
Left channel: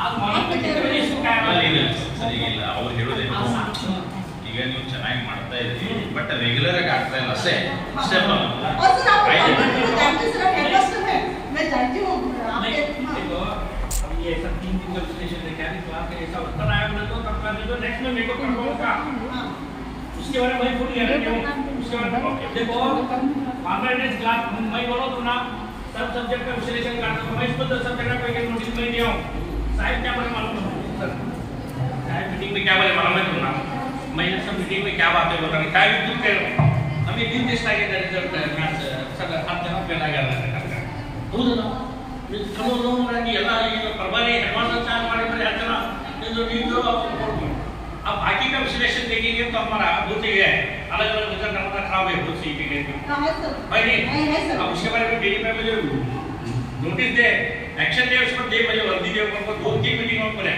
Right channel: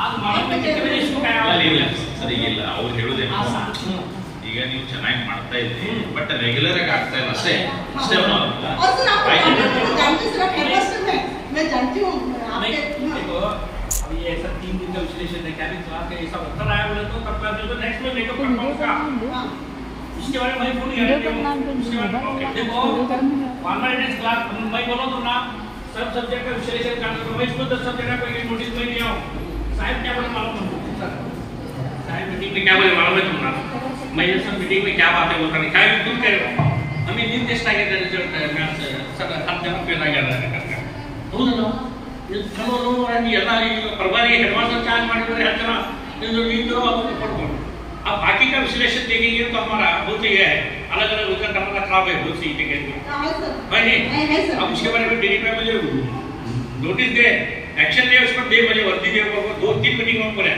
आज मॉर्निंग में कितने बजे इसको आया होगा? ಸರಿ ಇಲ್ಲ ಅವ್ರು ಹೇಳೋದೇನು ಈಗ ನೀವು ಚೆನ್ನಾಗಿ ಮಾಡ್ತಾ ಇದ್ರಿ ಬಟ್ ರೆಗ್ಯುಲರ್ ಆಗಿ ಆಗ್ತಾ ಇಲ್ಲ ಅಷ್ಟೇ ಅಷ್ಟೇ और सर आप जानते सर आप हेडमास्टर में मैं जानती हूँ आपके देखो अब ये ऐसा 3 दिन का विश्लेषण है, क्या क्लास का ऐसा उत्तर आया बोले तो तब क्लास दे दो, नेक्स्ट में मेकअप कर पाऊंगा उसके बारे में भाई भूल गया उसके बारे में देखो कॉन्फिडेंस क्लास मैं बोलो तो ना सब सब्जेक्ट का विश्लेषण करना तो मैं इसको 10 सब्जेक्ट का एक नोटिस में दिया हूं, साहब क्या बोले मालूम है साहब मीटिंग में क्या बोले मालूम है तुमना, मैं ये सब मीटिंग में क्या बातें बोलता नहीं, क्या भी कुछ करो हमें निर्देश आगे रिजल्ट मैथ्स सर हर जगह पे लगा रहा है ಹೌದಲ್ಲ ಚಲೋ ನೋಡಿ ಎಲ್ಲ ಈಗ ಪ್ರಭಾರಿ ಹೆಡ್ಮಾಸ್टर ಚಾರ್ज ಮಾಡಿದ್ರೆ ಹೇಳ್ತಾರ ನೀವು ಅದನ್ನು ಕೊಡ್ಕೊಂಡು अब बाकी का विश्लेषण देखेंगे तो हमारा बहुत ही है अलग अलग रिजल्ट हमारा खराब है बहुत सी है अब उसके बारे में डेली में मुझे नोटिस दे एक्शन दे उसको दे मुझे वर्दी दे 2-3 मीटिंग में बोले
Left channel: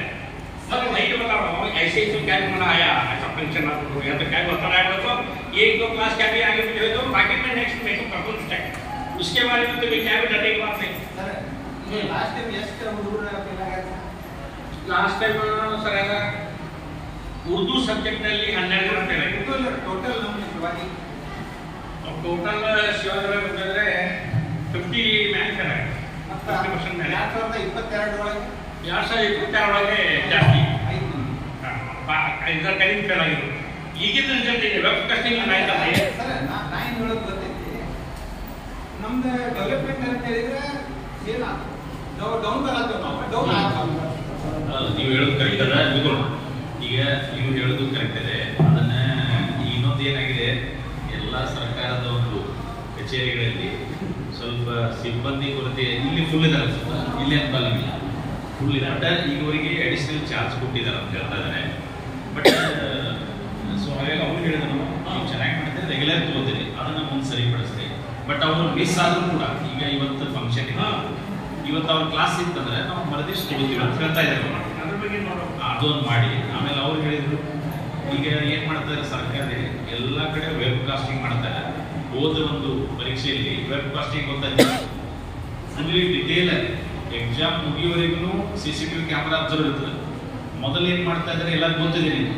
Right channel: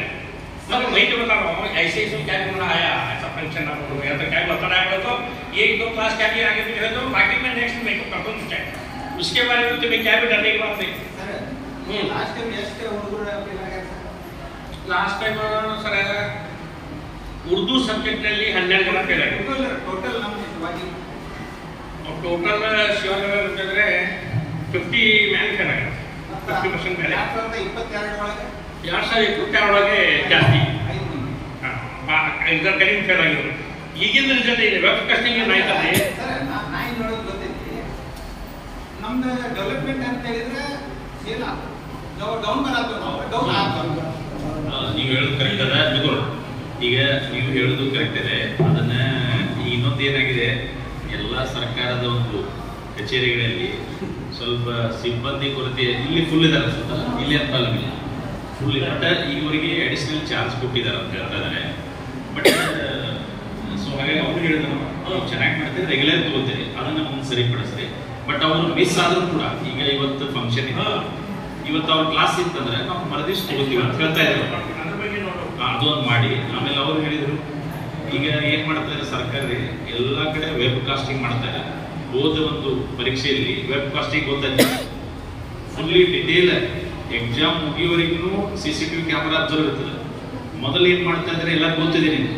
मगर वही तो बता रहा हूँ ऐसे ऐसे क्या करना आया ऐसा फंक्शन या तो क्या बता रहा है तो ये 2 क्लास क्या भी आगे मुझे तो बाकी में नेक्स्ट में कंट्रोल स्टैक उसके बारे में तो मैं क्या भी डरने की बात नहीं। लास्ट टाइम ಎಷ್ಟು ಹುಡುಗರು ಫೇಲ್ ಆಗ್ಯಾರ last time sir Urdu subject ನಲ್ಲಿ 12 ಜನ ಫೇಲ್ ಆಗಿದ್ರು ಟೋಟಲ್ ನಮ್ಮ ಇವಾಗಿ ಟೋಟಲ್ ಶಿವನಗರ ಅಂದ್ರೆ 50 ಮ್ಯಾನ್ ಫೇಲ್ ಆಗಿದ್ರು 50% ಮೇಲೆ 2022 ಒಳಗೆ 2022 ಒಳಗೆ ಜಾಸ್ತಿ 5 ಮಂದಿ ಇದರ ಕಡಿಮೆ ಫೇಲ್ ಆಗಿದ್ರು ಈಗಿನ ರಿಸಲ್ಟ್ ಇದೆ ವೆಬ್ ಟೆಸ್ಟಿಂಗ್ ಆಯ್ತಲ್ಲ ಸರ್ ನಾ ಏನು ಹೇಳೋದು ಗೊತ್ತೈತಿ ನಮ್ದು ಡೆವಲಪ್ಮೆಂಟ್ ಅಂತ ಹೇಳಿದ್ರೆ ಏನ ಡೌನ್ ಬರಲ್ಲ ನಾವು ಡೌನ್ ಆಗಲ್ಲ ನೀವು ಹೇಳೋದು ಕರೆಕ್ಟ್ ಇದೆ ಬಿಟ್ಕೊಳ್ಳಿ ಈಗ ನೀವು ಹೇಳೋದು ಕರೆಕ್ಟ್ ಇದೆ ಅದನ್ನ ಇನ್ನೊಂದು ಏನಾಗಿದೆ ಎಲ್ಲ ಸರ್ಕಾರದ ಒಂದು ಕಚೇರಿಗಳಲ್ಲಿ ಸ್ವಲ್ಪ ಸಿಬ್ಬಂದಿ ಕೊರತೆ ಇಲ್ಲಿ ಫುಲ್ ಇದಾರೆ ಇಲ್ಲಿ ಅಂತ ಇಲ್ಲ ಫುಲ್ ಇದೆ ಬಟ್ ಈವರೆಗೆ ಅಡಿಷನಲ್ ಚಾರ್ಜ್ ಕೊಟ್ಟಿದ್ದಾರೆ ಅಂತ ಹೇಳ್ತಾ ಇದ್ದಾರೆ ಬಟ್ ಸೊ ಹಾಗಾಗಿ ಅವ್ರು ಹೇಳಿದ್ರು ನಾವು ಚೆನ್ನಾಗಿ ಮಾಡ್ತೀವಿ ರೆಗ್ಯುಲರ್ ತಗೋತೀವಿ ಅದನ್ನ ಮುಂದೆ ಸರಿಪಡಿಸ್ರಿ ಬಟ್ ಅವರು ಮಿಸ್ ಆದ್ರೂ ಕೂಡ ಈಗ ಇವತ್ತು ಫಂಕ್ಷನ್ ಇವತ್ತು ಅವ್ರ ಕ್ಲಾಸ್ ಇತ್ತಂದ್ರೆ ನಾವು ಮರದಿವ್ಸ ತಗೋತೀವಿ ಅಂತ ಹೇಳ್ತಾ ಇದ್ದಾರೆ ಅದ್ರ ಬಗ್ಗೆ ನೋಡೋಣ ಅದೊಂದು ಮಾಡಿ ಆಮೇಲೆ ಅವ್ರು ಹೇಳಿದ್ರು ಈಗ ಏನ್ ಮಾಡ್ತಾರೆ ಸರ್ಕಾರ ಎಲ್ಲ ಕಡೆ ವೆಬ್ ಕಾಸ್ಟಿಂಗ್ ಮಾಡ್ತಾರೆ ಹೋದ ಒಂದು ಪರೀಕ್ಷೆಯಲ್ಲಿ ವೆಬ್ ಕಾಸ್ಟಿಂಗ್ ಗೊತ್ತಾಯ್ತು ಫುಲ್ಲಿ ಡಿಟೇಲ್ ಎಕ್ಸಾಮ್ ಮುಗಿಯುವವರೆಗೂ CCTV ಕ್ಯಾಮರಾ ಅಬ್ಸರ್ವ್ ಇರ್ತದೆ ಮೊದಲು ಏನ್ ಮಾಡ್ತಾ ಇದ್ದಾರೆ ಎಲ್ಲ ಗೊತ್ತಿದೆ ನಿಮ್ಗೆ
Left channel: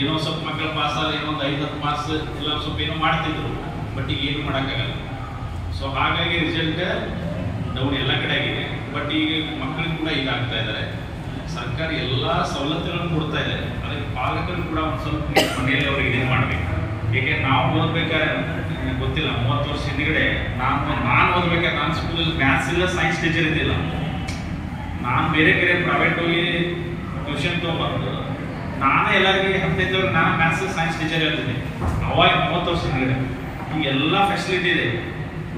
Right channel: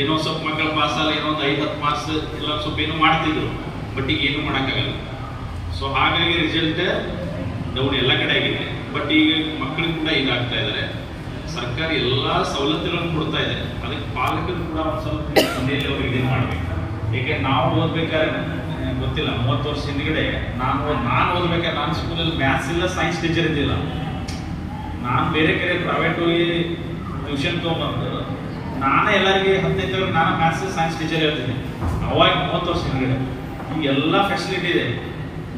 ಏನೋ ಸ್ವಲ್ಪ ಮಕ್ಕಳ ಪಾಸ್ ಅಲ್ಲ ಏನೋ ಒಂದು 5-10 ಮಾರ್ಕ್ಸ್ ಎಲ್ಲ ಸ್ವಲ್ಪ ಏನೋ ಮಾಡ್ತಿದ್ರು ಬಟ್ ಈಗ ಏನು ಮಾಡೋಕ್ಕಾಗಲ್ಲ ಸೊ ಹಾಗಾಗಿ ರಿಸಲ್ಟ್ ಡೌನ್ ಎಲ್ಲ ಕಡೆ ಆಗಿದೆ ಬಟ್ ಈಗ ಮಕ್ಕಳಿಗೆ ಕೂಡ ಈಗ ಆಗ್ತಾ ಇದ್ದಾರೆ ಸರ್ಕಾರ ಎಲ್ಲ ಸವಲತ್ತುಗಳನ್ನು ಕೊಡ್ತಾ ಇದೆ ಅದಕ್ಕೆ ಪಾಲಕರು ಕೂಡ ಒಂದು ಸ್ವಲ್ಪ ಮನೆಯಲ್ಲಿ ಅವ್ರಿಗೆ ಇದನ್ನು ಮಾಡಬೇಕು ಏಕೆ ನಾವು ಓದ್ಬೇಕಾದ್ರೆ ಗೊತ್ತಿಲ್ಲ 30 ವರ್ಷ ಹಿಂದ್ಗಡೆ ನಾನು ಓದ್ಬೇಕಾದ್ರೆ ನನ್ನ ಸ್ಕೂಲಲ್ಲಿ ಮ್ಯಾಥ್ಸ್ ಇಲ್ಲ ಸೈನ್ಸ್ ಟೀಚರ್ ಇದ್ದಿಲ್ಲ ನಾನು ಬೇರೆ ಕಡೆ ಪ್ರೈವೇಟ್ ಹೋಗಿ ಟ್ಯೂಷನ್ ತೊಗೊಂಬಂದು ನಾನೇ ಎಲ್ಲರಿಗೆ 15 ನಾನು ಮ್ಯಾಥ್ಸ್ ಸೈನ್ಸ್ ಟೀಚರ್ ಹೇಳ್ತೀನಿ ಅವಾಗ 30 ವರ್ಷ ಹಿಂದ್ಗಡೆ ಈಗ ಎಲ್ಲ ಫೆಸಿಲಿಟಿ ಇದೆ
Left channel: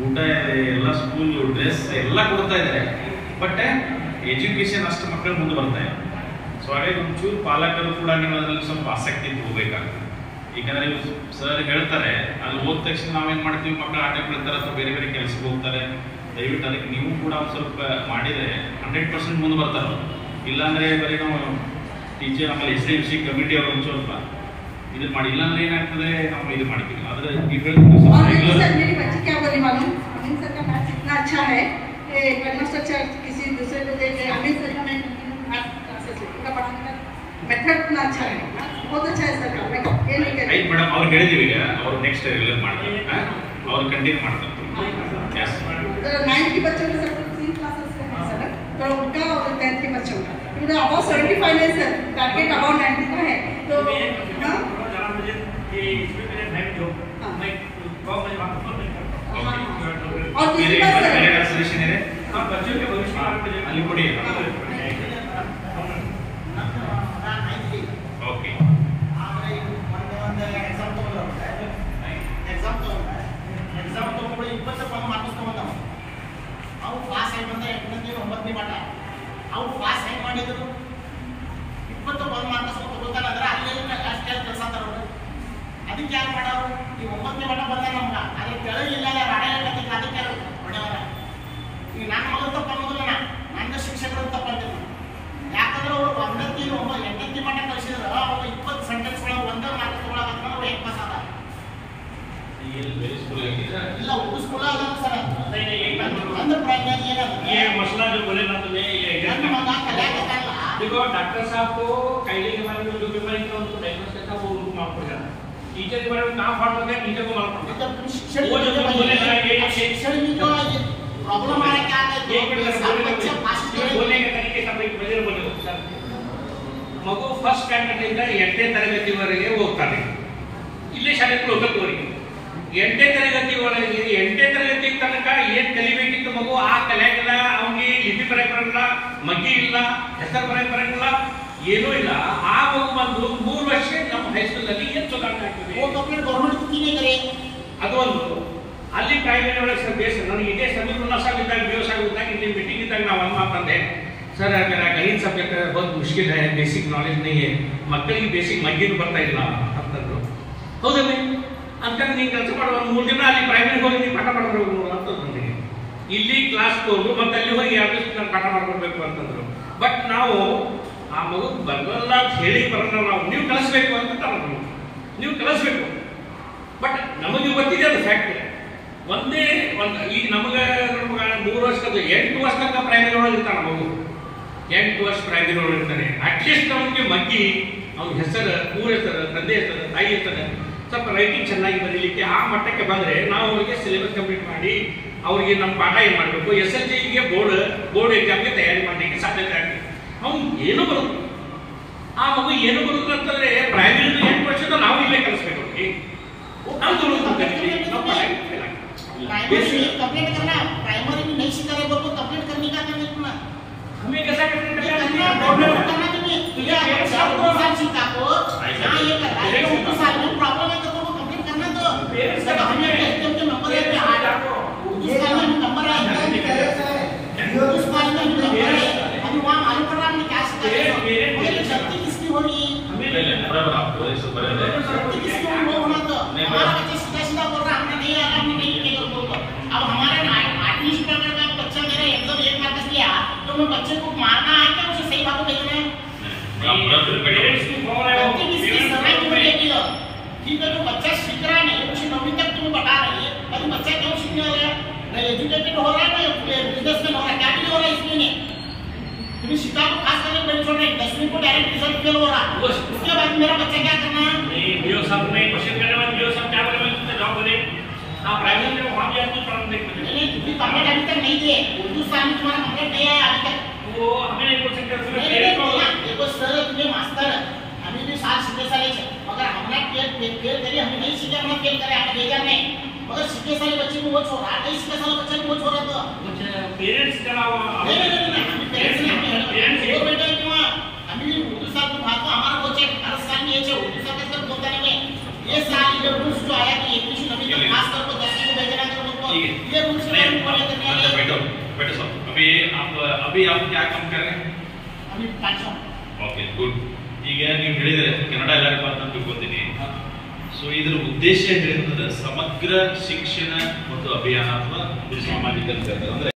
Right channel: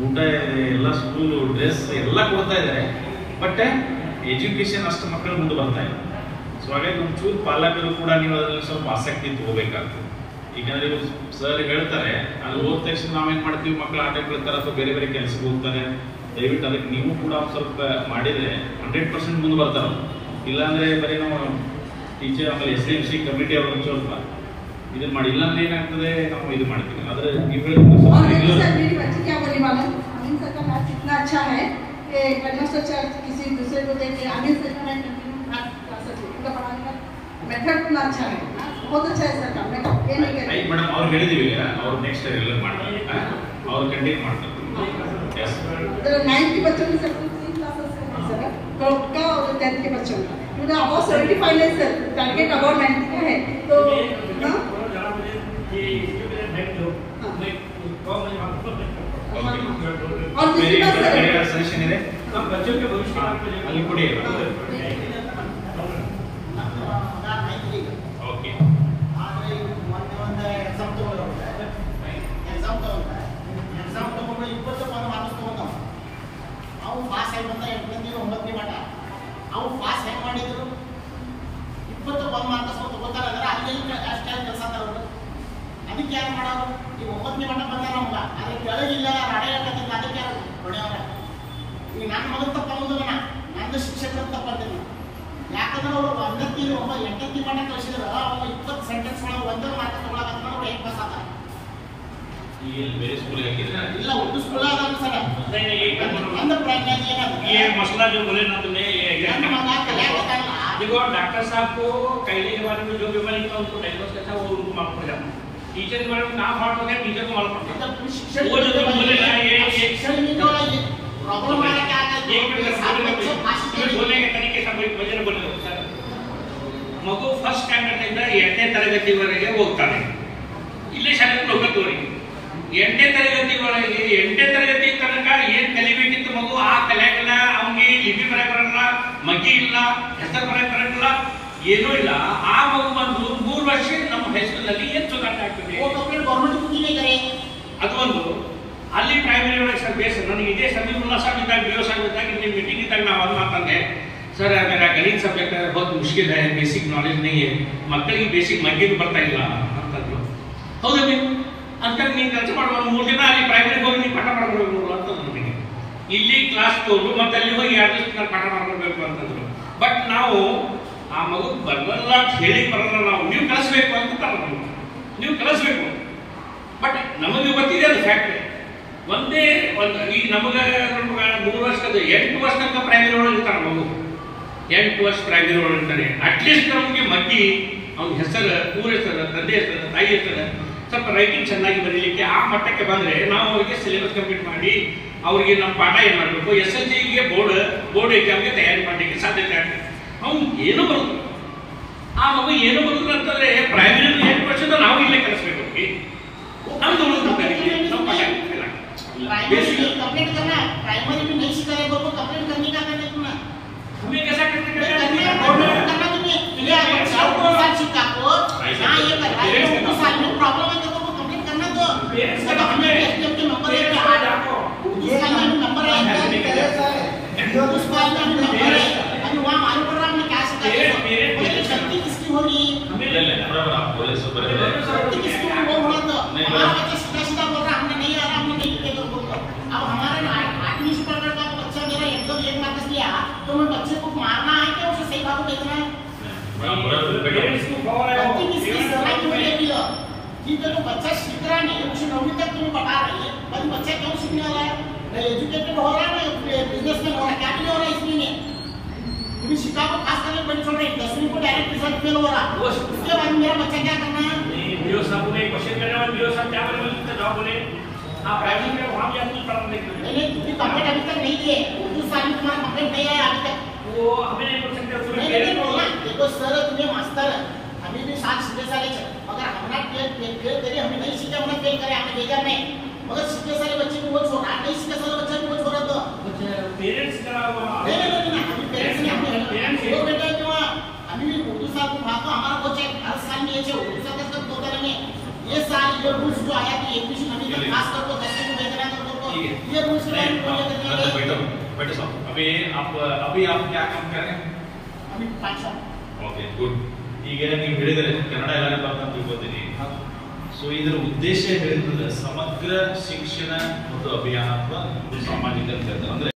ಊಟ ಇದೆ ಎಲ್ಲ ಸ್ಕೂಲು ಡ್ರೆಸ್ ಎಲ್ಲ ಕೊಡ್ತಾ ಇದ್ದಾರೆ ಬಟ್ ಎಜುಕೇಶನ್ ಅಷ್ಟು ಮಕ್ಕಳು ಮುಂದೆ ಬರ್ತಾರೆ. ಸೊ ಹಾಗಾಗಿ ಒಂಚೂರು ಪಾಲಕರು ಕೂಡ ನೀವು ಅದರಲ್ಲಿ ಸ್ವಲ್ಪ ಆಸಕ್ತಿ ತಗೋಬೇಕಾಗ್ತದೆ. ಈಗ ನೀವು ಸರ್ ಹೇಳ್ತಾರೆ ಅಲ್ಲಿ ಹೋದ ತಕ್ಷಣ ನಾವೇನ್ ಮಾಡ್ತೀವಿ, ಮಕ್ಕಳು ಆಟ ಬೀಳ್ತಾರೆ ಅಥವಾ ಬೇರೆ ಬೇರೆ ಕೆಲಸಕ್ಕೆ ಹೋಗ್ತಾರೆ. ದಯವಿಟ್ಟು ಅದಕ್ಕೆ ನೀವು ಕೂಡ ಒಂದು ಸ್ವಲ್ಪ ಮಾಡಿದ್ರೆ 100% ಮುಂದೆ ಬರ್ತಾರೆ. ಇಲ್ಲಾಂದ್ರೆ ಬರೀ ನಾವು ಟೀಚರ್ ಆಮೇಲೆ SIMC ಕಮಿಟಿ ಅವರು ಒಂದು ಸ್ವಲ್ಪ ಇದು ಮಾಡಿ, ಇಲ್ಲಾಂದ್ರೆ ಏನಾಗ್ತದೆ ನಾವು ಇದು ಮಾಡ್ತೀವಿ. ಆದ್ರೆ ನೀವು क्या बोली मालूम, अमीन सर का मैथ्स इतना अच्छा है कि हेडमास्टर सर किसी दूसरे को देख के अमीन सर का मैं कंटिन्यू मैथ्स क्लासेस उनका पढ़ाने का मेथड इतना अच्छा है, बहुत अच्छा है सर का. मैं ये नहीं कहती ಮೇಡಮ್ ಅವ್ರು ಹೇಳಿದೀವಿ, ಈಗ ಅವ್ರು ನೆಕ್ಸ್ಟ್ ರೆಗ್ಯುಲರ್ ಮಾಡ್ತಾರೆ, ಅವ್ರು ಕಂಟಿನ್ಯೂ ಮಾಡ್ತಾರೆ. ಎಸ್ 9th के बच्चों के सर 3 क्लासेस है सर, तो उनका और 10th के बच्चों का इनका अबाउट 75 है सर, टारगेट अबाउट 90 का है. तो हां और दूसरी बात सर सजेशन ಇದೆ बच्चों के भविष्य ಅಲ್ಲಿ ಕೊಡಿ. ಓಕೆ ಆದರೆ ಒಂದು ಎಕ್ಸಾಮ್ ತಗೊಂಡ್ರೆ ಎಕ್ಸಾಮ್ ತಗೊಂಡು 20 ಪದ ಮಾರ್ಕ್ಸ್ ತಗೊಂಡವು. ಅವು ಪಾಸ್ ಆಗಿ ಬಂದ 8ನೇ 9ನೇ ಮಟ್ಟ ಅವು ಪಾಸ್ ಹೆಂಗೆ ಮಾಡಿದ್ರು? 20 ಪದ ಮಾರ್ಕ್ಸ್ ತಗೋತಾರೆ ಅಂದ್ರೆ ಅಲ್ಲಿ ಅಷ್ಟೇ ಕೆಲಸ ತರೋರು. ಅದಕ್ಕೆ ಯಾರು ಮಾಡೋರು? ಈ 9ನೇ ಮಟ್ಟ ಬಂದ ನಮ್ಗೆ ಅದ್ರ ಕೆಳಗಿಲ್ಲ ರಾಡಾಡಕ್ಕೆ ಅದಕ್ಕೆ ಯಾರು ಹೊಡೆಯವರ? ಈಗ ನನ್ನ ಮಗನ ತಪ್ಪ ಅನ್ನೋದಿಲ್ಲ, ನಂದು ಶಿಕ್ಷಕರ ತಪ್ಪ ಅಂತೀನಿ. ಯಾಕಂದ್ರೆ ಅವರು 8ನೇ ಮಟ್ಟ ಕಳಿಸಿದ್ರೆ ಅವಾಗ 20 ಸೆಂಟೆನ್ಸ್ ಒಳಗೆ ಒಂದೇ ಮಾರ್ಕ್ಸ್ ತಗೊಳಕಂದ್ರೆ ಹೆಂಗೆ ಪಾಸ್ ಆದ? ಈಗ ಬೇರೆ ಸ್ಕೂಲ್ ಆಗಿದ್ರೆ ಇಲ್ಲ ಉರ್ದು ಸ್ಕೂಲ್ ಅದ ಸರ್. ನನ್ನ ಪ್ರಜ್ಞೆ ಏನಂದ್ರೆ ये मसला जो बोले ना तुमने ನನ್ನ ಮಗ ಕಲಿಯಾಕತ್ತಾನಲ್ಲ. देखो डॉक्टर साहब को कायदे के बारे में जो बीमारी था उनको डायग्नोस किया था वो उनको मालूम पड़ जाता. टीचर के बारे में कहाँ फाल्ट हो गया टीचर को मालूम पड़ जाता. वो जो तुम बोले ना ये शिक्षण में तो प्रॉब्लम आ क्या है? एक मिनट सर बोलने के तरीके से कोई वजह बोले हो सर. ಮಗು ಫಸ್ಟ್ ಸ್ಟ್ಯಾಂಡರ್ಡ್ ಇಂದ 8ನೇ ತರಗತಿವರೆಗೆ ಹೋಗ್ತಾನೆ. ಇಲ್ಲೇ ಶಾಲೆಗೆ ಹೋಗೋದವರೆಗೆ 8ನೇ ತರಗತಿವರೆಗೆ 8ನೇ ತರಗತಿ ತನಕ ಏನ್ ಕಲಿಬೇಕಿತ್ತು ಮಗು ಆ ಕಲಿಯಾಗಿಲ್ಲ. ಅವನಿಗೆ ಲಿಪಿ ಬರೆಯ ಬರಲ್ಲ, ಮಗ್ಗಿ ಇಲ್ಲ, ಹೆಸರು ಬರೆಯ ಬರಲ್ಲ, ಏನೂ ಇಲ್ಲ. ಆ ಮಗು ಬಂದು 3 ವರ್ಷ ನಮ್ಮ ಹೈಸ್ಕೂಲ್ ನಲ್ಲಿ ಏನ್ ಸುಧಾರಣೆ ಆಗ್ತದೆ? ಗೌರ್ಮೆಂಟ್ ಕುಕಿನೇ ಇದ್ದಾರೆ. ಅದು ಒಂದು ಅಲ್ಲಿ ಪ್ರೈಮರಿ ಒಳಗೆ ಸರ್ ಬೇಸ್ ನನಗೆ ಇದೇ ಸಮೀಪುಲ್ಲ ಸಾಹब ಇದ್ದಾಗ BO साहब ಇದ್ದಾಗ ಇಂದಿನ ಮೀಟಿಂಗ್ ಇದ್ದಾಗ ನಾವು ಒಂದು ಮಾತಂದೆ, सर मेरा गणित सब्जेक्ट बहुत मुश्किल है, बेसिक नॉलेज नहीं है, ಮಕ್ಕಳಿಗೆ ಬೇಸಿಕ್ ಮಗ್ಗಿನೂ ಬರ್ತಾ ಇಲ್ಲ ಅಂತಂದ್ರು. ಹೌದಮ್ಮಿ ಅಂತ ನೀನು ಕೆಲಸ ಮಾಡುವ 3 ದಿನ ಅಲ್ಲಿ ಪ್ರೈಮರಿ ಹೋಗಿ ನೀವು ಪಾಠ ಮಾಡ್ಬೇಕು ಅಂತಂದ್ರು. ನನಗೆ ಇಲ್ಲಿ ಕ್ಲಾಸ್ ತೋರು ಮತ್ತೆ ಅಲ್ಲಿ ಹೋಗಿ 2 ದಿವಸ ನಾನು ಪಾಠ ಮಾಡ್ಕೊಳ್ಬೇಕು ಅಂತಂದ್ರು. ಬಟ್ ನಾವು ಆ ಮಗು ಬರಲ್ಲ ಅಂತ ಹೇಳಿ ಬರಲ್ಲ, ನಾವು ನೀವು ಕಲಿಸ್ಬೇಕು ಅಂತ ತಗೊಂಡು ನೀವು ಕಲಿಸ್ಬೇಕು. ಬಟ್ ನಮಗೆ ಗೊತ್ತಿದೆ ಅದು ಫ್ಯಾಕ್ಟ್. ಒಂದೇ ಒಂದು ಈಗ ನಮಗೆ 3 ವರ್ಷದ 8 ವರ್ಷ ತನಕ ಪ್ರೈಮರಿ ಒಳಗೆ ಇರ್ತಾನೆ ಮಗು. 8 ವರ್ಷ ಪ್ರೈಮರಿ ಒಳಗೆ ಇರ್ತಾನೆ. ಅಟ್ಲೀಸ್ಟ್ ಅವನಿಗೆ ಮಗ್ಗಿ ಅವ್ನ ಹೆಸರು, ಊರ ಹೆಸರು, ತಂದೆ ಹೆಸರು, ತಾಯಿ ಹೆಸರು, ಸ್ವಲ್ಪ ರೈಟಿಂಗ್ ಚೆನ್ನಾಗಿ ಬರೀಲಿಕ್ಕೆ ಆ ಮಟ್ಟಕ್ಕೆ ಬಂದರೆ ನಾವು ಅವರಿಗೆ ಸಿಲೆಬಸ್ ಕಂಪ್ಲೀಟ್ ಮಾಡಿ ಅವರಿಗೆ ನಮ್ಮ ಪಾಠ ಏನು ಮಾಡಬೇಕು, SSLCಗೆ ಬೋರ್ಡ್ ಎಕ್ಸಾಮ್ಗೆ ತಯಾರಿ ಮಾಡಲಿಕ್ಕೆ ಸಾಧ್ಯತೆ ಆಗ್ತದೆ. ಅವ್ನು ಏನು ಬರೋದು ಆ ಮಗು ಏನು ಬರೋದು ಅಂತಂದ್ರೆ ಪ್ರೈಮರಿ 8 ವರ್ಷದ ನಾವು ಇಲ್ಲೇ ಕಲಿಸ್ಬೇಕು ಅವ್ರಿಗೆ. ನಾವು ತಗೊಳ್ಬೇಕಾಗಿದೆ ನಮ್ಮ ಪಾಠ कंप्लीट करना प्राइमरी भी नहीं सिखा रहे तो कंप्लीट करने का करना है. हमें कैसा करना गवर्नमेंट करना तुम्हें ये अगर 4 साल सीखा को ना ये कर रहा है तो साल में प्रॉब्लम है तो वो कंप्लीट करना. तो सर हमने टेस्ट के नंबर है क्या उस साल में नंबर है उस साल में नंबर है अभी वहां मालूम पड़ रहा हमने क्या सीखा है. ये शक्ति किसकी हो रही है? बराबर आपको ऐसे कर रहे हैं. शक्ति किसको वो होना. तो हमारा बच्चा सीधा बोल रहा हमने नहीं आ रहा, हमने नहीं किया बोलकर. अब हमारा 8वीं से पढ़कर का बच्चा मेरा एकदम 1 मार्क्स लिया तो मैं बच्चे को मारना है क्या, उसे सही बात भेजना है? ठीक है तो बच्चा सीख रहा नहीं, उसे 9वीं तक तुम्हें बता रही है, अभी बच्चा क्यों सीखने वाला है? एजुकेटेड हो रहा है ना, बिजनेसमैन हो रहा है, क्या भी हो रहा है इसमें नहीं. तुम्हें शिका को खास करके बड़ी छोड़ रहे 10वीं को डायरेक्ट रिजल्ट फेल हो रहा है. उसके बाद मेरा बच्चा क्या करना है? BO साहब ने क्वेश्चन करने वाले BO साहब क्या बोले जॉब बोले आप प्राइमरी में वहां भी आपको तरफ देख लेंगे. नहीं तुम्हें कंप्लीट अभी तक नहीं दिए, उर्दू साल में तुम्हारा कंप्लीट नहीं आया अभी तक. वो हमें नहीं बोल सकते उसमें देखो सर तुम्हें मास्टर अभी भी 7 सीधे साले मगर हमने फेल करी, हमने नहीं सीखे, हमने फेल करे, हमने भेजा नहीं. मगर सीधे साले बच्चे को वो छोड़ा, नहीं सीधे साले बच्चे को वो छोड़ा. तो पेरेंट्स का नहीं पेरेंट्स नहीं वो बेटा क्यों अभी उर्दू साल को भाग तो हमारा वो चेक हर साल नहीं है उर्दू साल के सब 2 तारीख में ये साल ये रूल्स जो आया कि 1 से 9 तक खास करके 10 को भेजना है तो ये रूल्स के बारे में बोले बेटा साहब अभी आप क्या काम कर रहे हैं? अभी 500 ಓಕೆ ಗುಡ್. ಈಗ ನೀವು ಹೇಳಿದರೆ ಕನ್ನಡ ಎಲ್ಲರಿಗೂ ಅಂತ ತಿಳ್ಕೊತೀನಿ. ಸೊ ಇದರ ಉದ್ದೇಶ ಹೇಳಿದ್ರೆ ಸಮಗ್ರ ಶಿಕ್ಷಣ ಮತ್ತು ಅಭಿಯಾನ ಅಥವಾ ಸಾಮಾಜಿಕ ಅಂದ್ರೆ